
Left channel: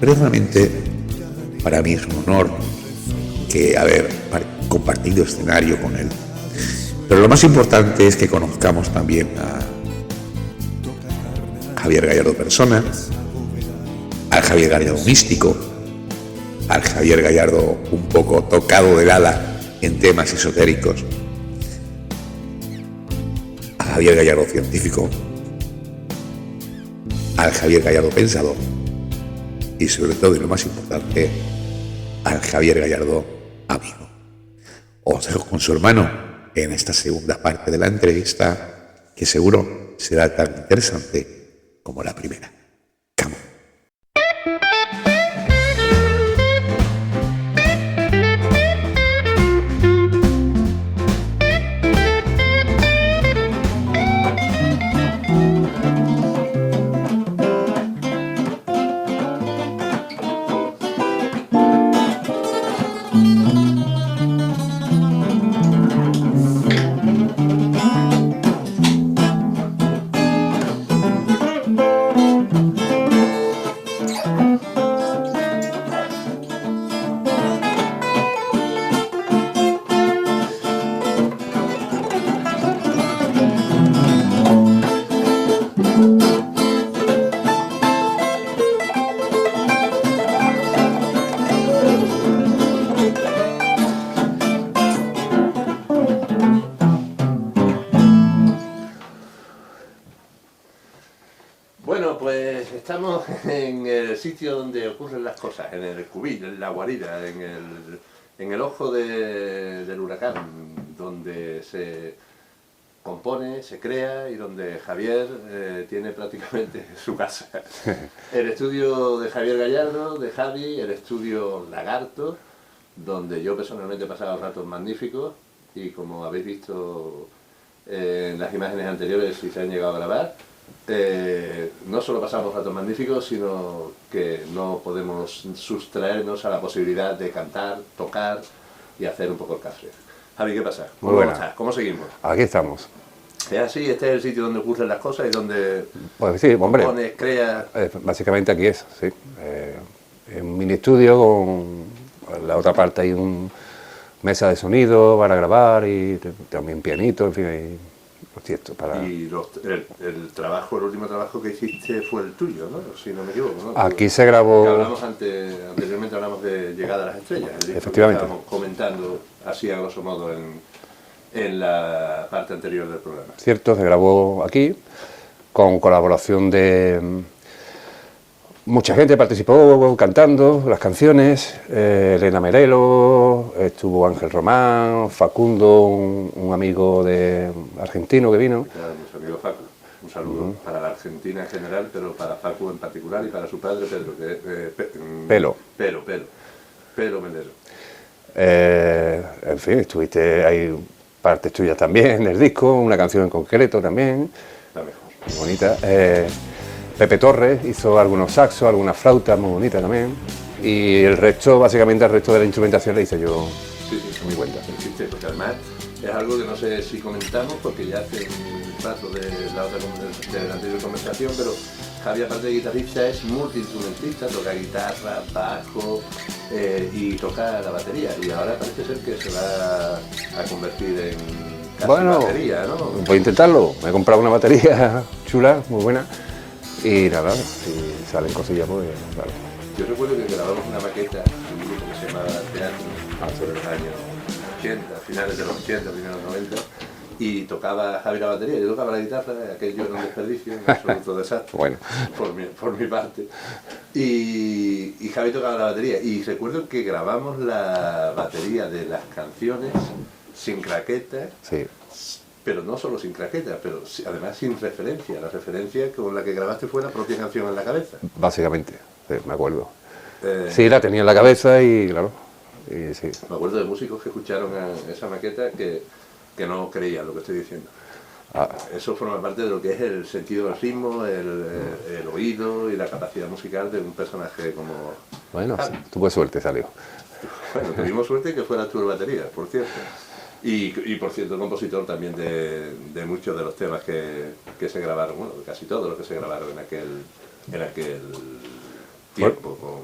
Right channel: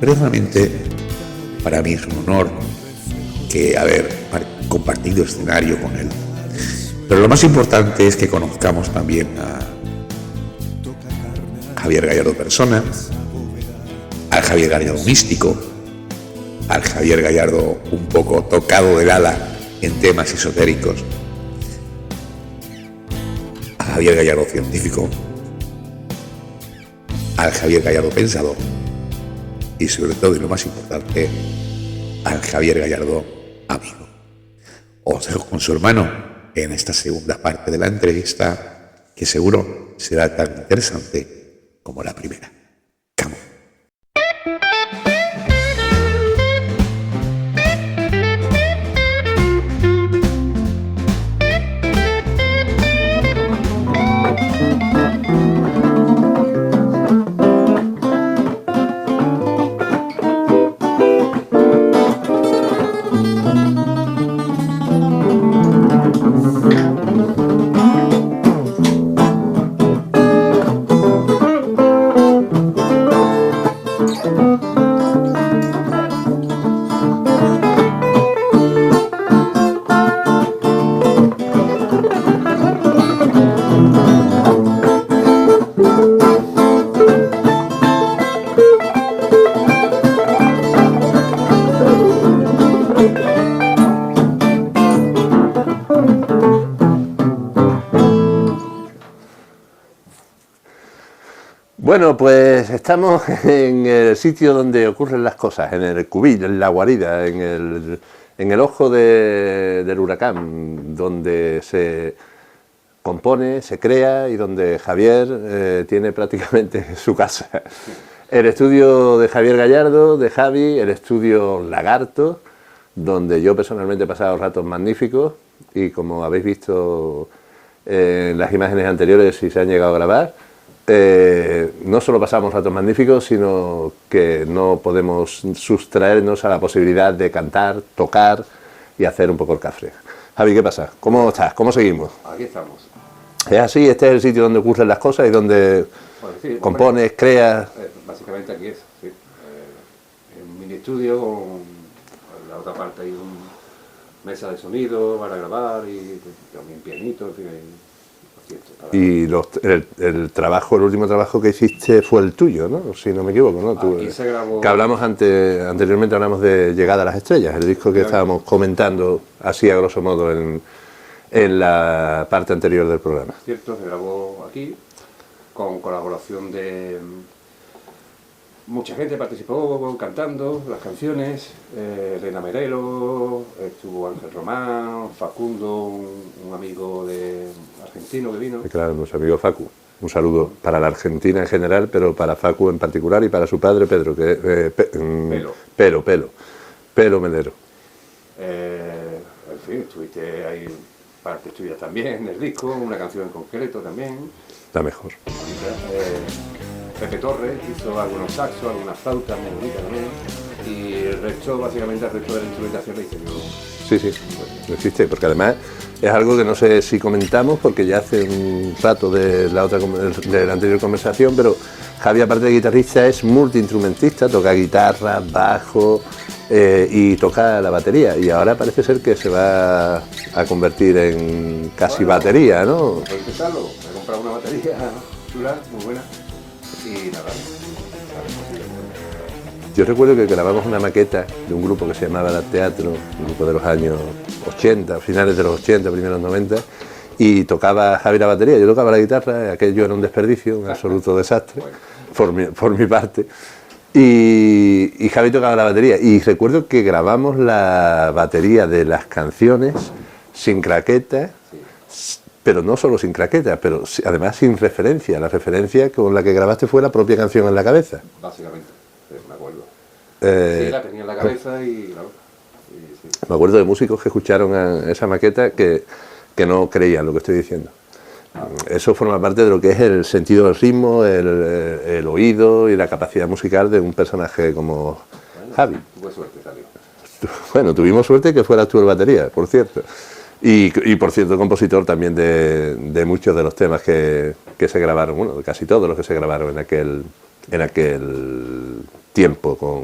Pero realmente para mí es un honor que haber compartido escenario con él. Pero lo más importante es que conozcamos también a Javier Gallardo persona, al Javier Gallardo místico, al Javier Gallardo un poco tocado del ala en temas esotéricos, a Javier Gallardo científico, al Javier Gallardo pensador y sobre todo, y lo más importante, al Javier Gallardo amigo. Os dejo con su hermano en esta segunda parte de la entrevista, que seguro será tan interesante como la primera. Come on. Bueno, pues estamos en el sitio donde ocurren las cosas, en el cubil, en la guarida, en el ojo del huracán, donde se compone, se crea y donde Javier tiene prácticamente su casa. El estudio de Javier Gallardo, de Javi, el estudio Lagarto, donde yo personalmente he pasado ratos magníficos y como habéis visto en las imágenes anteriores, si se han llegado a grabar, no solo pasamos ratos magníficos, sino que no podemos sustraernos a la posibilidad de cantar, tocar y hacer un poco el cafre. Javi, ¿qué pasa? ¿Cómo estás? ¿Cómo seguimos? Aquí estamos. ¿Es así? ¿Este es el sitio donde ocurren las cosas y donde Pues sí, compones, hombre, creas? básicamente aquí es, sí. Un mini estudio con la otra parte hay una mesa de sonido para grabar y también pianito, en fin, cierto, Y el trabajo, el último trabajo que hiciste fue el tuyo, ¿no? Si no me equivoco, ¿no? Aquí se grabó... Que hablamos anteriormente hablamos de Llegada a las Estrellas, el disco que estábamos comentando así a grosso modo en la parte anterior del programa. Cierto, se grabó aquí, con colaboración de... Mucha gente participó cantando las canciones, Elena Merelo, estuvo Ángel Román, Facundo, un amigo argentino que vino. Claro, nuestro amigo Facu. Un saludo para la Argentina en general, pero para Facu en particular y para su padre Pedro, que Pelo Melero. En fin, estuviste, hay partes tuyas también del disco, una canción en concreto también. La mejor. Muy bonita. Pepe Torres hizo algunos saxos, algunas flautas muy bonitas también. Y el resto, básicamente el resto de la instrumentación la hice yo. Sí, me cuenta, no existe, porque además es algo que no sé si comentamos, porque ya hace un rato de la anterior conversación, pero Javi, aparte de guitarrista, es multiinstrumentista, toca guitarra, bajo y toca la batería. Y ahora parece ser que se va a convertir en casi batería, ¿no? Voy a intentarlo. Me he comprado una batería chula, muy buena. Y nada, y salen cosillas muy bien, claro. Yo recuerdo que grabamos una maqueta de un grupo que se llamaba La Teatro, de los años 80, finales de los 80, primeros 90, y tocaba Javi la batería, yo tocaba la guitarra, aquello era un desperdicio, un absoluto desastre, Bueno. por mi parte. Y Javi tocaba la batería, y recuerdo que grabamos la batería de las canciones sin craquetas, Sí. pero no solo sin craquetas, pero además sin referencia. La referencia con la que grabaste fue la propia canción en la cabeza. Básicamente, sí, me acuerdo. Eh, Sí, la tenía en la cabeza y claro. Y sí. Me acuerdo de músicos que escucharon esa maqueta que no creían lo que estoy diciendo. Eso forma parte de lo que es el sentido del ritmo, el oído y la capacidad musical de un personaje como Bueno, Javi. sí, tuve suerte, salió. Bueno, tuvimos suerte que fueras tú el batería, por cierto. Y por cierto, compositor también de muchos de los temas que se grabaron, bueno, de casi todos los que se grabaron en aquel tiempo con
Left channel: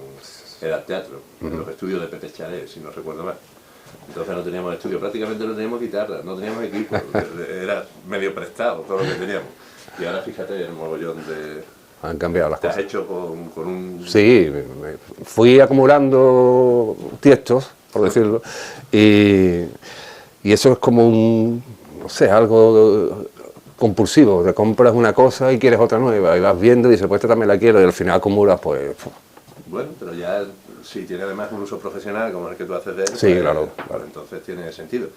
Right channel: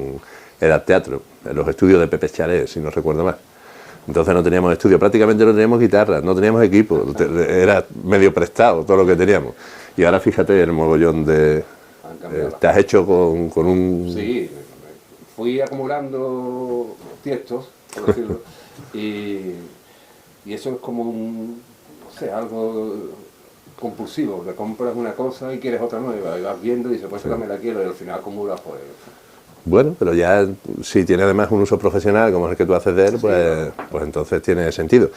Edad Teatro, en los estudios de Pepe Chalet, si no recuerdo mal. Entonces no teníamos estudio, prácticamente no teníamos guitarra, no teníamos equipo, era medio prestado todo lo que teníamos. Y ahora fíjate el mogollón de... Han cambiado las Te has hecho con un... Sí, fui acumulando tiestos, por decirlo, y eso es como un, no sé, algo compulsivo, te compras una cosa y quieres otra nueva, y vas viendo y dices, pues esta también la quiero, y al final acumulas, pues... Bueno, pero ya si tiene además un uso profesional como es el que tú haces de él, Sí, pues, claro. pues entonces tiene sentido.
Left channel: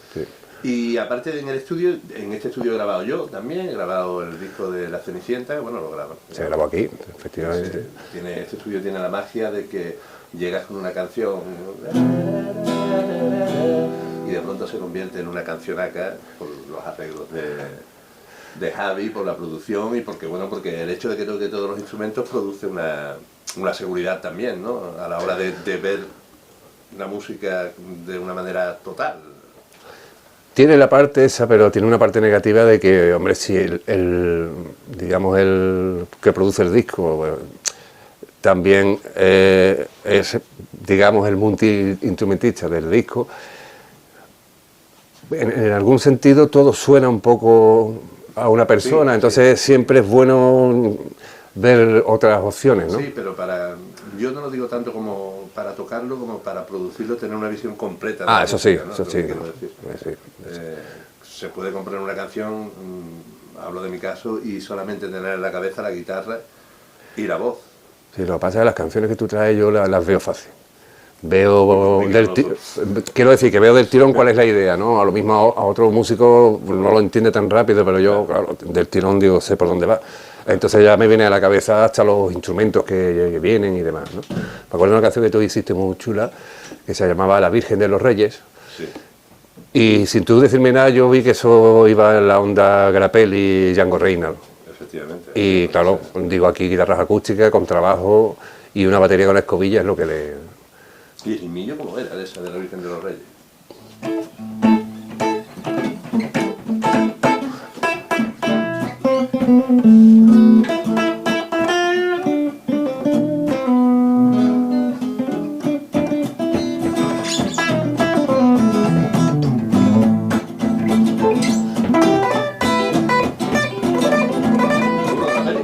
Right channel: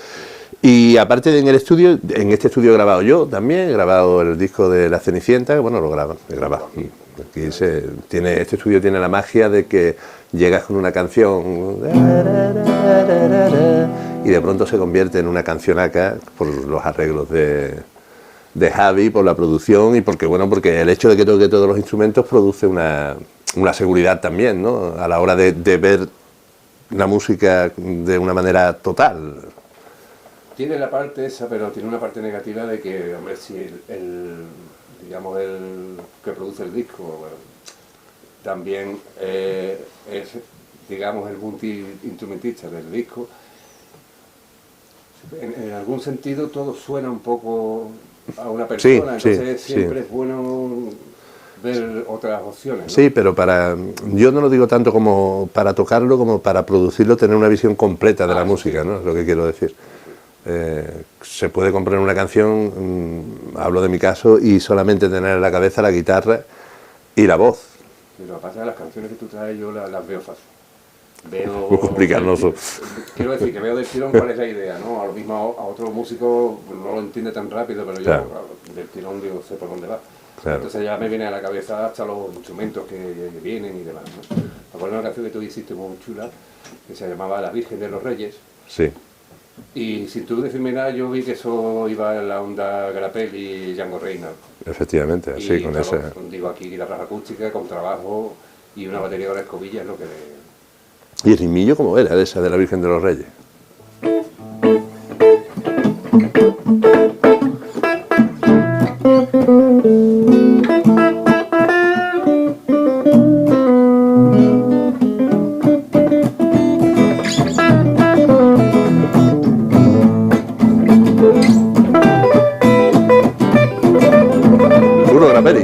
Y aparte de en el estudio, en este estudio he grabado yo también, he grabado el disco de La Cenicienta, que bueno, lo graban. Se grabó aquí, efectivamente. Este estudio tiene la magia de que llegas con una canción y de pronto se convierte en una cancionaca por los arreglos de Javi, por la producción y porque el hecho de que toque todos los instrumentos produce una seguridad también, ¿no? A la hora de ver la música de una manera total. Tiene la parte esa, pero tiene una parte negativa de que, hombre, si digamos, el que produce el disco bueno, también es, digamos, el multiinstrumentista del disco, en algún sentido todo suena un poco a una persona, Sí, entonces sí, siempre sí. es bueno ver otras opciones, ¿no? Sí, pero yo no lo digo tanto como para tocarlo como para producirlo, tener una visión completa de la eso música, sí, ¿no? eso Es lo sí. que quiero decir. Sí. Se puede comprar una canción, hablo de mi caso, y solamente tener en la cabeza la guitarra y la voz. Sí, lo que pasa es que las canciones que tú traes yo las veo fácil. Muy Veo complicado, quiero decir que veo del tirón cuál es la idea, ¿no? A lo mismo a otro músico no lo entiende tan rápido, pero yo claro, del tirón digo sé por dónde va. Claro. Entonces ya me viene a la cabeza hasta los instrumentos que vienen y demás, ¿no? Me acuerdo de una canción que tú hiciste muy chula que se llamaba La Virgen de los Reyes. Sí. Y sin tú decirme nada, yo vi que eso iba en la onda Grappelli y Django Reinhardt. Efectivamente. Y sí, claro, digo aquí guitarras acústicas con trabajo y una batería con la escobilla es lo que le... ¿Y el rimillo cómo era de esa de la Virgen de los Reyes? Puro Grappelli.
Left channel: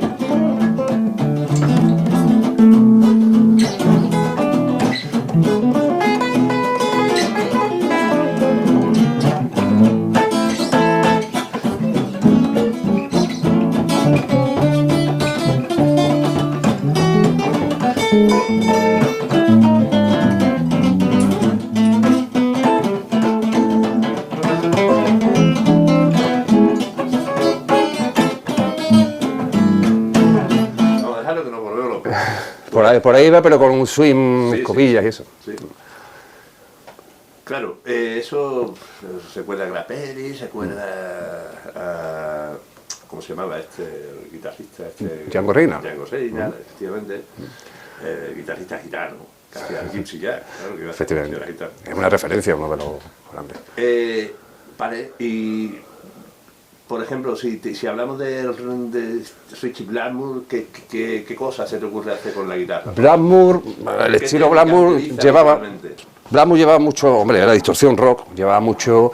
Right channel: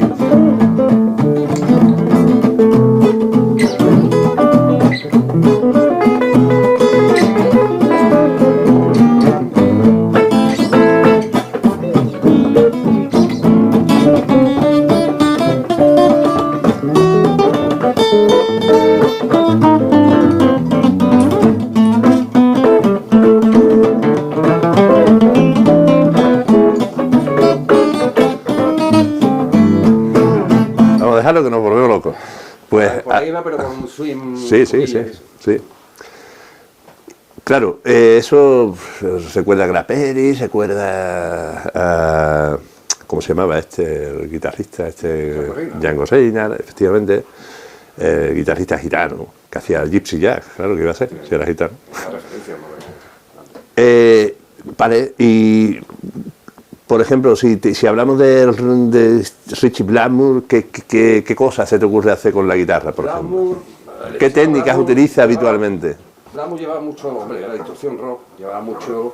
Vamos a dejarlo que nos volvemos locos. Por ahí va, pero con un swing, Sí, cobillas sí, y eso. sí. Claro, eso recuerda a Grappelli, recuerda a... ¿Cómo se llamaba el guitarrista? Django Reinhardt. Django Reinhardt, efectivamente. Guitarrista gitano, que hacía el Gypsy Jazz, claro que iba a ser, que era gitano. Es una referencia, uno de los grandes. Vale, y... Por ejemplo, si hablamos de Richie Blackmore, ¿qué cosas se te ocurre hacer con la guitarra? Blackmore, el ¿Qué estilo técnicas Blackmore utiliza llevaba- habitualmente? Blackmore llevaba mucho, hombre, era distorsión rock, llevaba mucho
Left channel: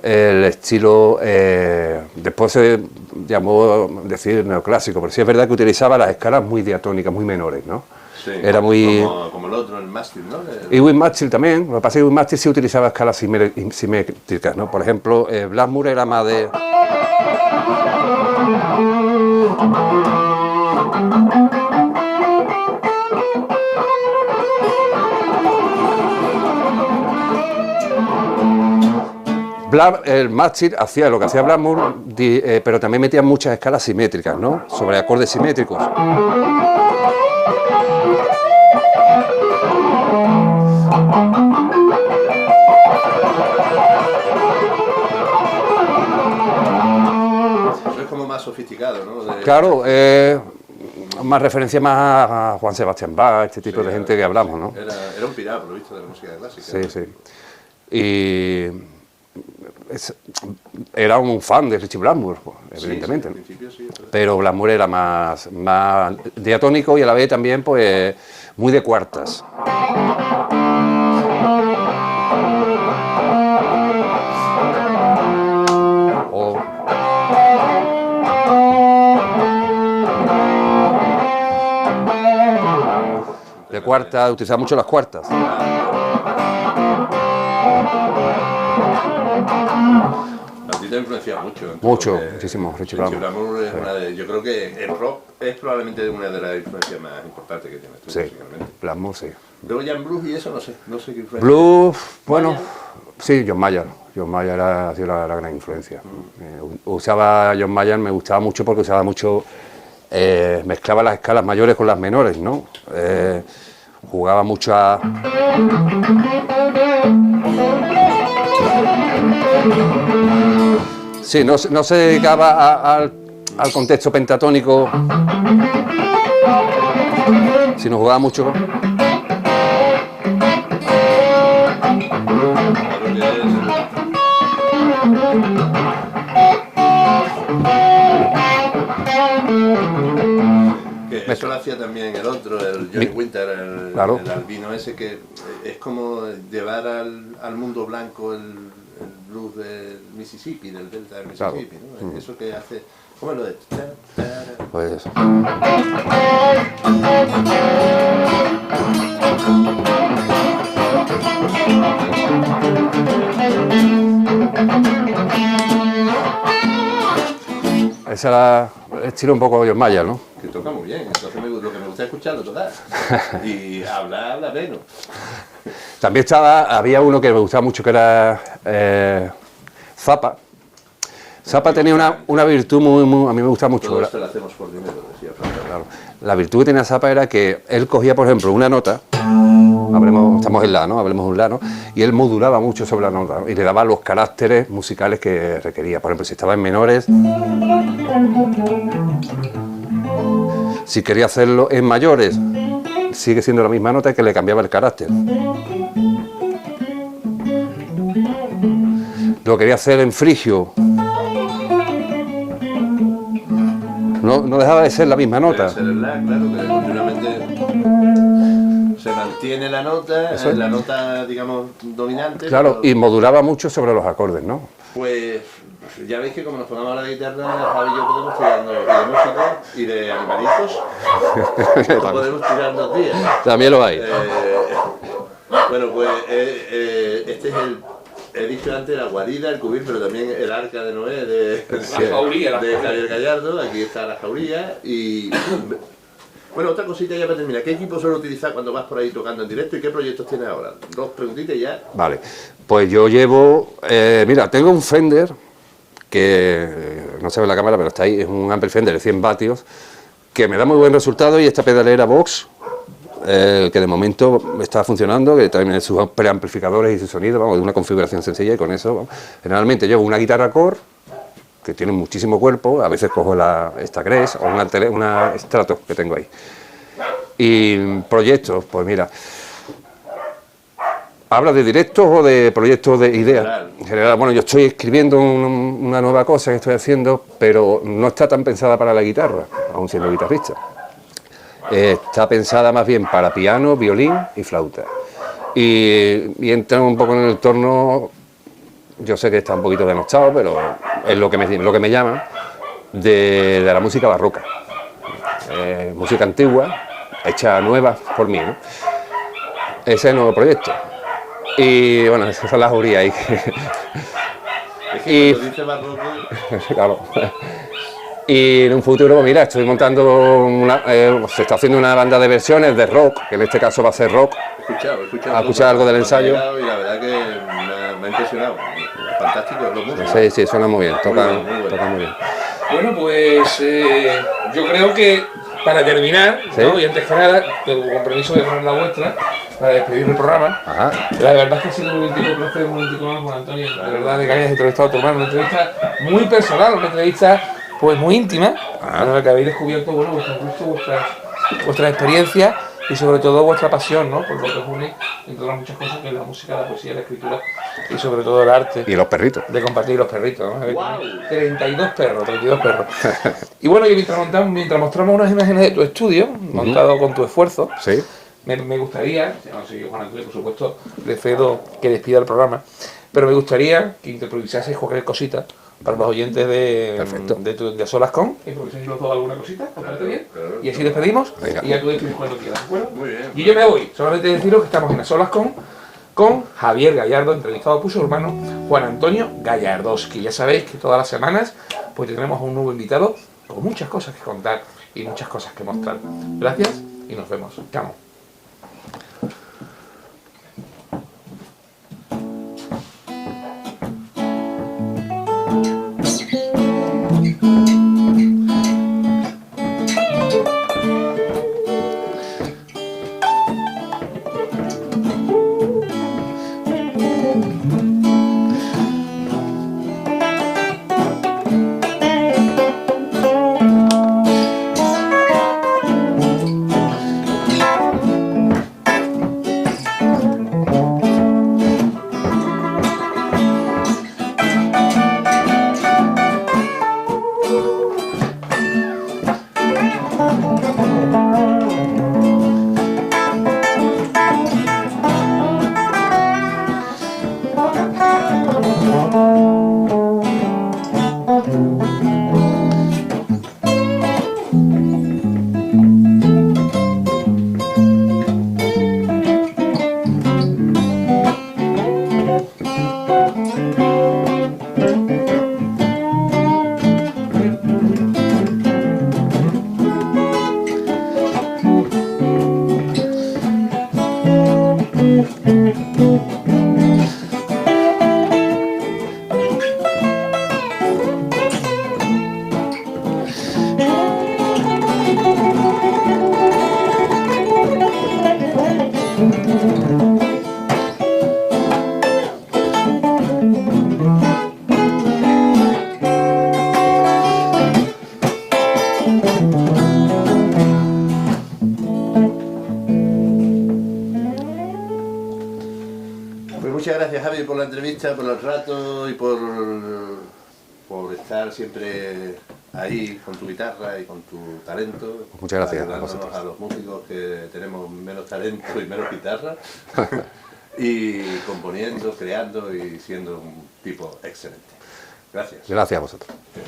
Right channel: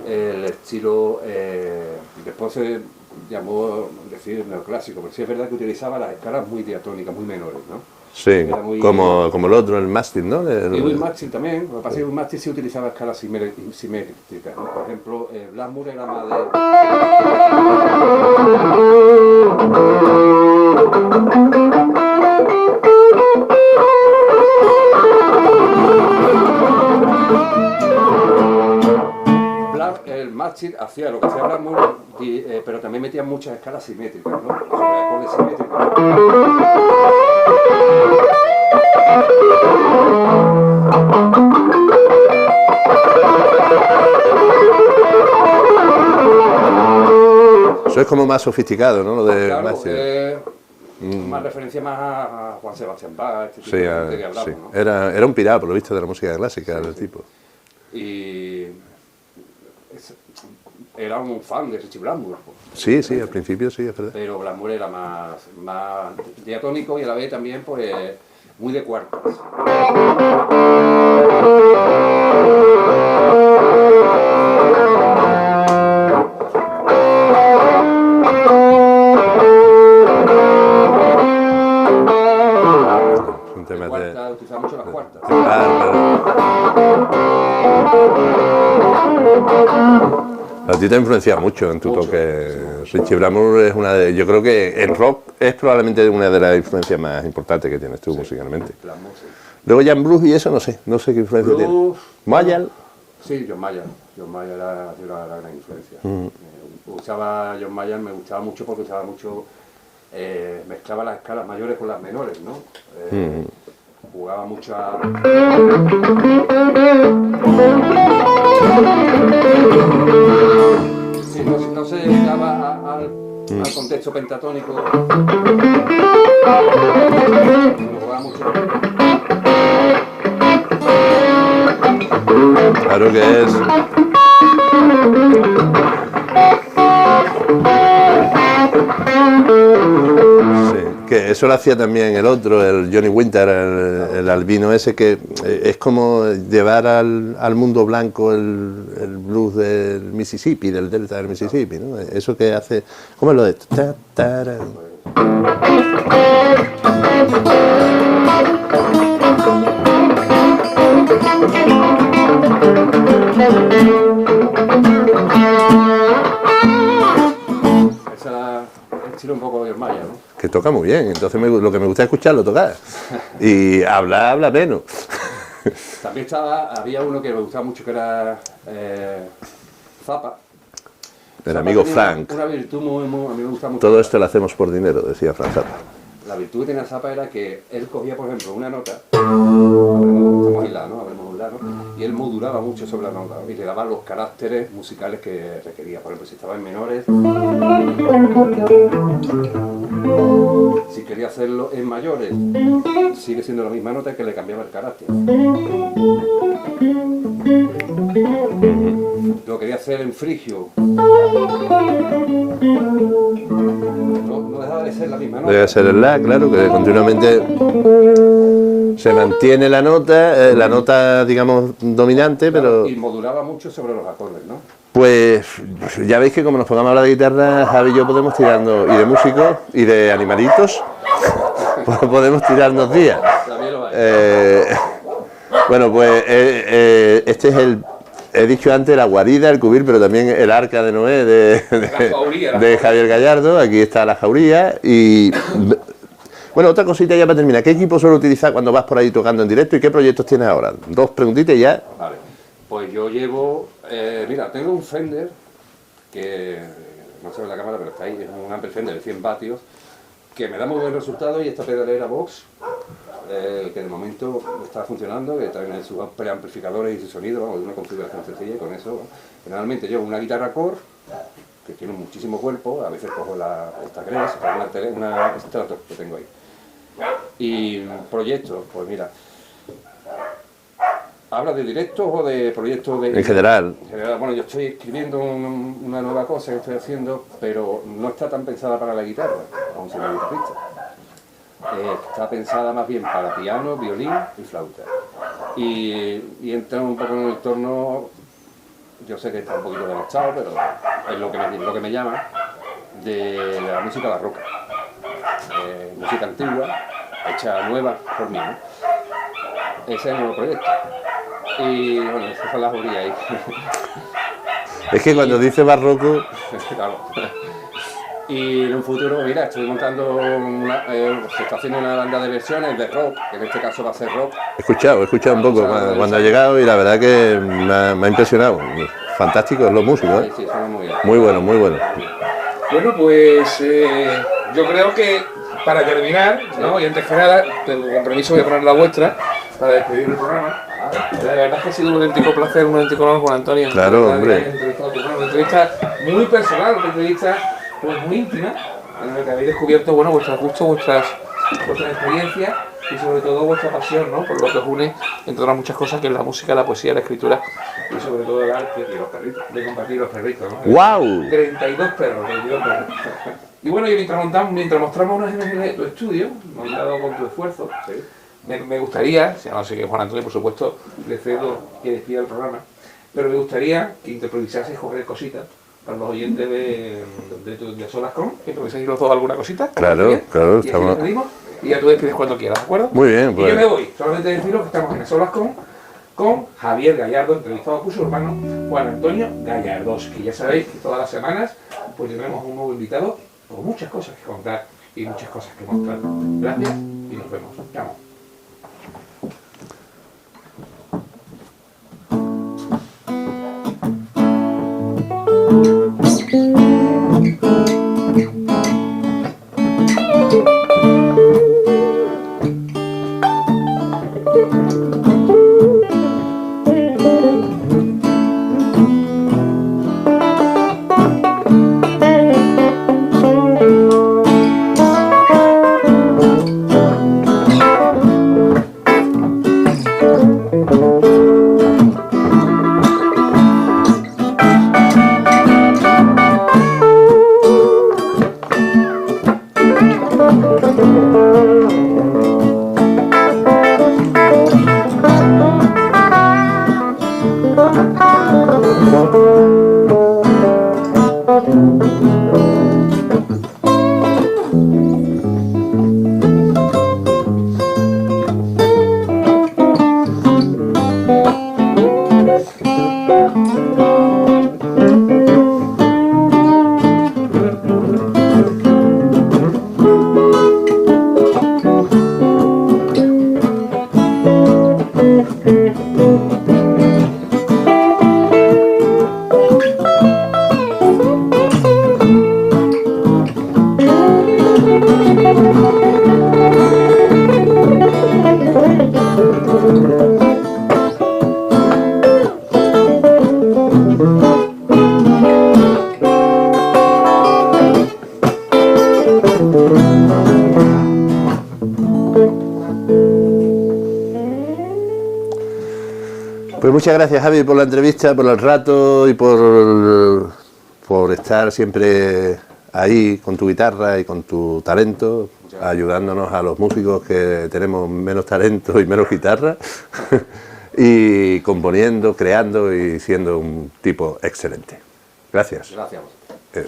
el estilo, después se llamó decir neoclásico, pero sí es verdad que utilizaba las escalas muy diatónicas, muy menores, ¿no? Sí, Era muy... como el otro, el mástil, ¿no? Y Win Mástil también, lo que pasa es que Win Mástil sí utilizaba escalas simétricas, ¿no? Por ejemplo, Blackmore era más de... El mástil hacía lo que hacía Blackmore, pero también metía muchas escalas simétricas, ¿no? Sobre acordes simétricos. Eso es como más sofisticado, ¿no? Lo de Claro, Mástil. más referencia más a Juan Sebastián Bach, este tipo de gente que hablamos, sí. ¿no? Era un pirado, por lo visto, de la música clásica. Sí, el sí. tipo. Y era un fan de Richie Blackmore. Sí, sí, evidentemente, al principio sí, es verdad. pero Blackmore era más diatónico y a la vez también pues muy de cuartas. De cuartas, utilizaba mucho las cuartas. A ti te ha influenciado mucho en tu Mucho, toque. muchísimo. Richie Blackmore es una de... Yo creo que el rock es probablemente una de las influencias más importantes que tienes tú, Sí, musicalmente. Blackmore, sí. Luego ya en blues y eso no sé qué influencia Blues, tiene. bueno, Mayall. sí, John Mayer. John Mayer ha sido la gran influencia. Usaba John Mayer, me gustaba mucho porque usaba mucho, mezclaba las escalas mayores con las menores, ¿no? Jugaba mucho a... Sí, no se dedicaba al contexto pentatónico, sino jugaba mucho... Claro que es. Sí, que eso lo hacía también el otro, el Johnny Winter, el albino ese, que es como llevar al mundo blanco el blues del Mississippi, del delta del Mississippi, ¿no? Eso que hace. ¿Cómo es lo de esto? Pues, esa era el estilo un poco John Mayer, ¿no? Que toca muy bien, entonces lo que me gusta es escucharlo tocar. Y habla menos. También había uno que me gustaba mucho que era Zappa. El Zappa amigo tenía Frank. una virtud a mí me gustaba mucho. Todo esto lo hacemos por dinero, decía Frank Zappa. La virtud que tenía Zappa era que él cogía, por ejemplo, una nota, estamos en la, ¿no? Hablemos de un la, ¿no? Y él modulaba mucho sobre la nota, ¿no? Y le daba los caracteres musicales que requería. Por ejemplo, si estaba en menores, si quería hacerlo en mayores, sigue siendo la misma nota que le cambiaba el carácter. Lo quería hacer en frigio, no dejaba de ser la misma nota. Debe ser el la, claro, que continuamente se mantiene la nota, digamos, dominante, Claro, pero... y modulaba mucho sobre los acordes, ¿no? Pues ya veis que como nos pongamos a hablar de guitarra, Javi y yo podemos tirarnos, y de músicos, y de animalitos, podemos tirarnos días. También lo hay. Bueno, pues este es he dicho antes la guarida, el cubil, pero también el arca de Noé de Javier Gallardo. Aquí está la jauría y... Bueno, otra cosita ya para terminar. ¿Qué equipo suele utilizar cuando vas por ahí tocando en directo y qué proyectos tienes ahora? Dos preguntitas y ya. Vale, pues yo llevo... mira, tengo un Fender que no se ve en la cámara, pero está ahí, es un ampli Fender de 100 vatios que me da muy buen resultado, y esta pedalera Vox, que de momento está funcionando, que también sus preamplificadores y su sonido, vamos, de una configuración sencilla, y con eso, vamos. Generalmente llevo una guitarra Core, que tiene muchísimo cuerpo, a veces cojo esta Gres o una Strato que tengo ahí. Y proyectos, pues mira, ¿hablas de directos o de proyectos de En general. En general, bueno, yo estoy escribiendo una nueva cosa que estoy haciendo, pero no está tan pensada para la guitarra, aun siendo guitarrista. Está pensada más bien para piano, violín y flauta. Y entra un poco en el entorno, yo sé que está un poquito denostado, pero es lo que me llama, de la música barroca. Música antigua, hecha nueva por mí, ¿no? Ese es el nuevo proyecto. Y bueno, esas son las jurías ahí. Es que cuando dice barroco... Claro. Y en un futuro, pues mira, estoy montando se está haciendo una banda de versiones de rock, que en este caso va a ser rock. He escuchado un poco algo del cuando ha ensayo. llegado y la verdad que me ha impresionado. Fantástico, es lo músico. Sí, sí, suena muy bien. Muy total, bueno, muy bueno. total, muy bien. Bueno, pues yo creo que para terminar, ¿Sí? ¿no? Y antes que nada, tengo compromiso de poner la vuestra para despedir el programa. Ajá. La verdad es que ha sido un auténtico placer, un auténtico honor con Antonio. Claro, La verdad hombre. que hayas entrevistado a tu hermano, una entrevista muy personal, una entrevista pues muy íntima, en la que habéis descubierto, bueno, vuestros gustos, vuestras experiencias y sobre todo vuestra pasión, ¿no? Por lo que os une, entre otras muchas cosas, que es la música, la poesía, la escritura y sobre todo el arte. Y los perritos. De compartir los perritos, ¿no? ¡Guau! 32 perros. Y bueno, y mientras mostramos unas imágenes de tu estudio, montado con tu esfuerzo, Sí. me gustaría, si no sé que Juan Antonio, por supuesto, le cedo que despida el programa, pero me gustaría que improvisaseis cualquier cosita para los oyentes de Solas Con, improvisáis los dos alguna cosita. Claro, bien, claro, y así estamos- despedimos, Venga. y ya tú despides cuando quieras, ¿de acuerdo? Muy bien, Y pues. yo me voy, solamente deciros que estamos en Solas con Javier Gallardo, entrevistado por su hermano Juan Antonio Gallardoski. Ya sabéis que todas las semanas pues tendremos un nuevo invitado con muchas cosas que contar y muchas cosas que mostrar. Gracias y nos vemos. Chao. Pues muchas gracias, Javi, por la entrevista, por el rato y por estar siempre ahí con tu guitarra y con tu talento, Muchas gracias. ayudándonos a los músicos que tenemos menos talento y menos guitarra, y componiendo, creando y siendo un tipo excelente. Gracias. Gracias a vosotros. Eh.